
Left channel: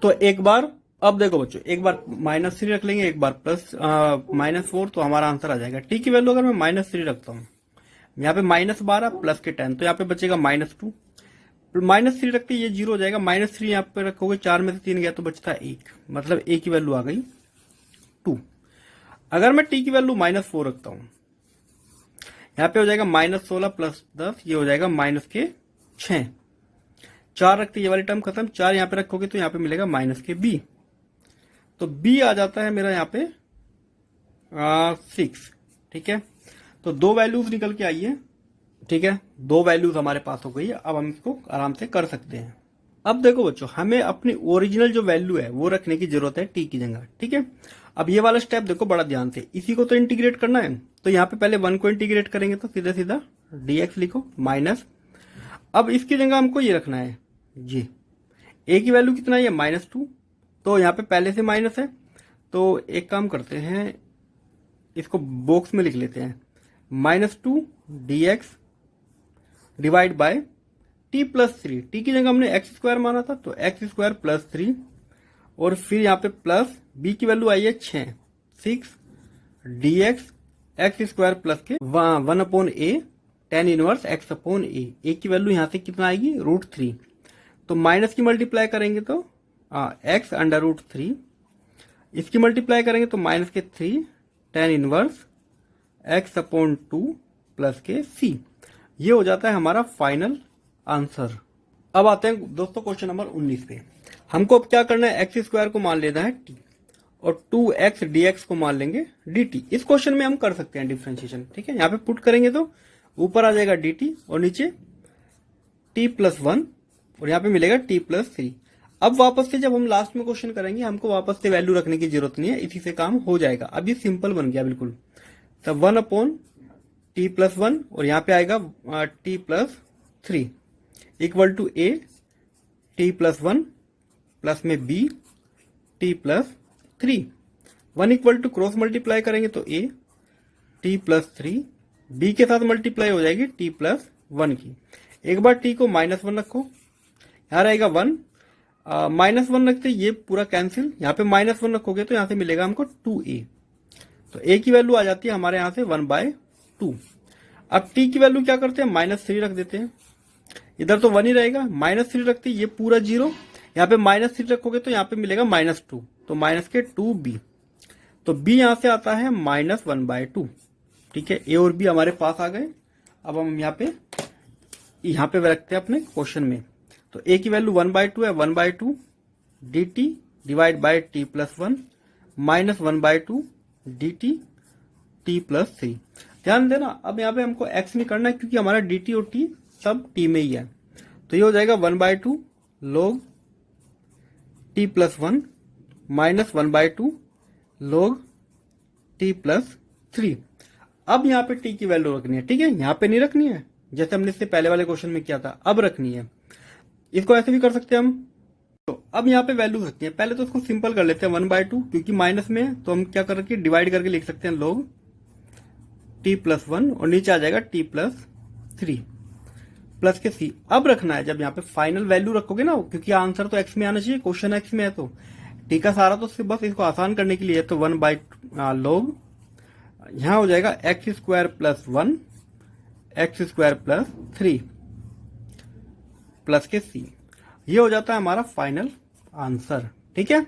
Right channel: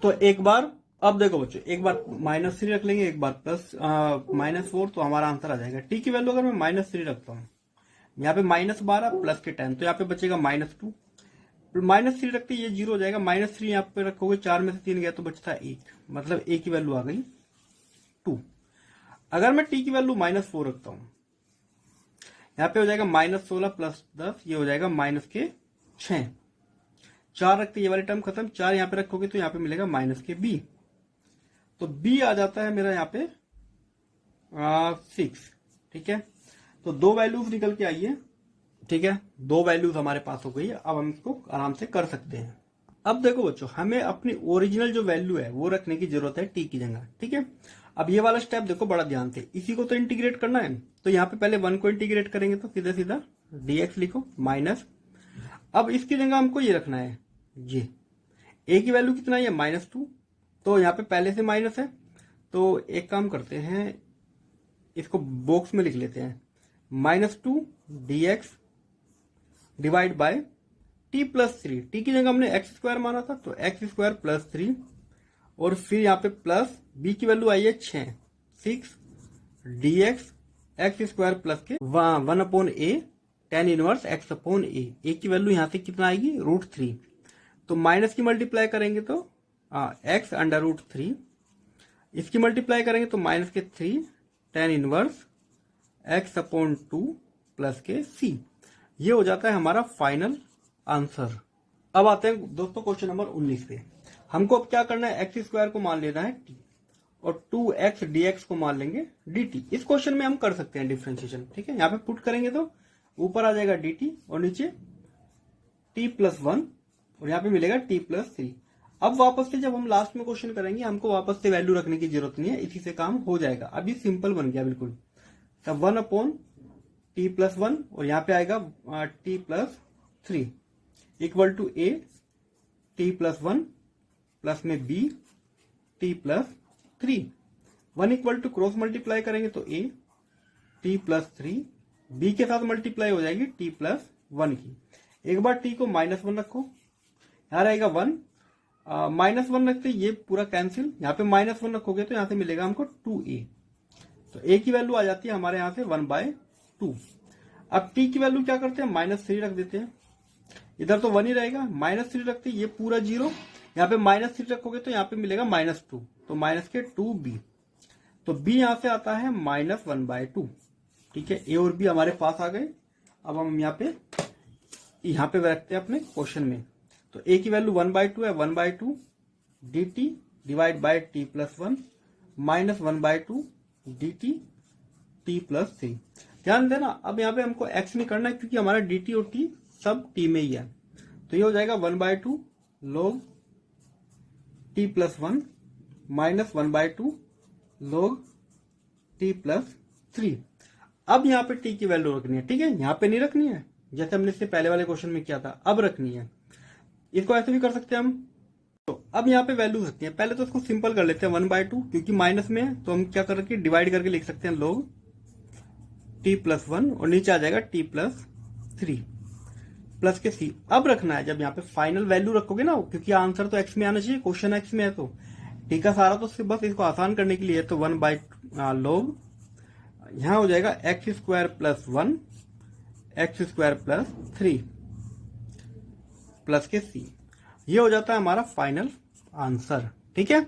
तो एक बार, अब देखो बच्चों एक बार -3 रख लेंगे, एक बार प्लस -4, तो हमारा आंसर आ जाएगा। टी की वैल्यू अगर मैं -3 रखता हूँ, यहाँ पे -12 प्लस के 10, तो यहाँ पे बचेगा -2, -3 रखते ये 0 हो जाएगा, -3 यहाँ पे रखोगे 4 में से 3 गया तो बचता 1, मतलब a की वैल्यू आ गई 2। अगर मैं t की वैल्यू -4 रखता हूँ, यहाँ पे हो जाएगा -16 प्लस 10, ये हो जाएगा माइनस के 6, 4 रखते ये वाली टर्म खत्म, 4 यहाँ पे रखोगे तो यहाँ पे मिलेगा माइनस के b, तो b आ जाता है मेरा यहाँ पे 6, ठीक है, तो 2 वैल्यूज निकल के आई है, ठीक है, 2 वैल्यूज हमारे पास हो गई है। अब हम इसको आराम से कर सकते हैं। अब देखो बच्चों हमें अपनी ओरिजिनल जो वैल्यू है वो रखने की जरूरत है t की जगह, ठीक है। अब ये वाला स्टेप देखो बड़ा ध्यान से, इसी को तो इंटीग्रेट करना है, तो यहाँ पे पहले 1 को इंटीग्रेट करेंगे तो सीधा सीधा dx लिखो माइनस, अब इसकी जगह हमको ये रखना है जी, a की वैल्यू कितना है -2, तो यहाँ पे पहले से माइनस है, तो एक काम करते हैं इसको बॉक्स में लिख लेते हैं, -2 dx divide by t plus 3, T की जगह हमने एक्स स्क्वायर माना था तो एक्स स्क्वायर प्लस 3 और फिर यहाँ पे प्लस b की वैल्यू आई है 6 dx एक्स स्क्वायर प्लस के 1/a tan inverse x upon a की वैल्यू यहाँ से कितना आएगी √3, तो माइनस की मल्टीप्लाई करेंगे तो x अंडर √3, इसकी मल्टीप्लाई करेंगे तो माइनस के 3 tan inverse x upon 2 plus के c, ये हो जाता है हमारा फाइनल आंसर। अब आते हैं दोस्तों क्वेश्चन नंबर 19 पे। हमको अब क्या करना है, एक्स स्क्वायर को मान लेना है t और 2x dx को मान लेंगे dt। इस क्वेश्चन में हम कर सकते हैं डिफरेंशिएशन, ठीक है, यहाँ पे पुट करेंगे तो ऊपर आ जाएगा dt और नीचे t+1 और यहाँ पे मिलेगा t+3। अब वापस से जब हम लास्ट में क्वेश्चन करेंगे हमको वापस से वैल्यू रखने की जरूरत नहीं है, इसी से काम हो जाएगा। अब ये सिंपल बन गया बिल्कुल। तब 1/t+1 और यहाँ पे आएगा t+3 equal to a t+1 plus में b t+3। 1 equal to cross multiply करेंगे तो a t+3 b के साथ मल्टीप्लाई हो जाएगी t+1 की। एक बार t को -1 रखो, यहाँ रहेगा 1, -1 रखते ये पूरा कैंसिल, यहाँ पे -1 रखोगे तो यहाँ से मिलेगा हमको 2a। तो a की वैल्यू आ जाती है हमारे यहाँ से 1/2। अब t की वैल्यू क्या करते हैं, -3 रख देते हैं, इधर तो 1 ही रहेगा, -3 रखते ये पूरा 0, यहाँ पे -3 रखोगे तो यहाँ पे मिलेगा -2, तो माइनस के 2b, तो b यहाँ से आता है -1/2। ठीक है, a और b हमारे पास आ गए। अब हम यहाँ पे रखते हैं अपने क्वेश्चन में। तो a की वैल्यू 1/2 है, 1/2 dt divide by t+1 -1/2 dt t+3। ध्यान देना, अब यहाँ पे हमको x नहीं करना है क्योंकि हमारा dt और t सब t में ही है। तो ये हो जाएगा 1/2 log t+1 -1/2 log t+3। अब यहाँ पे t की वैल्यू रखनी है। ठीक है, यहाँ पे नहीं रखनी है जैसे हमने इससे पहले वाले क्वेश्चन में किया था, अब रखनी है। इसको ऐसे भी कर सकते हैं हम। तो अब यहाँ पे वैल्यू रखती है, पहले तो उसको सिंपल कर लेते हैं 1/2 क्योंकि माइनस में है तो हम क्या करके डिवाइड करके लिख सकते हैं log t+1 और नीचे आ जाएगा t+3 प्लस के c। अब रखना है जब यहाँ पे फाइनल वैल्यू रखोगे ना, क्योंकि आंसर तो x में आना चाहिए, क्वेश्चन x में है तो t का सारा, तो बस इसको आसान करने के लिए तो 1/log यहाँ हो जाएगा x² + 1 x² + 3 प्लस के c। ये हो जाता है हमारा फाइनल आंसर। ठीक है।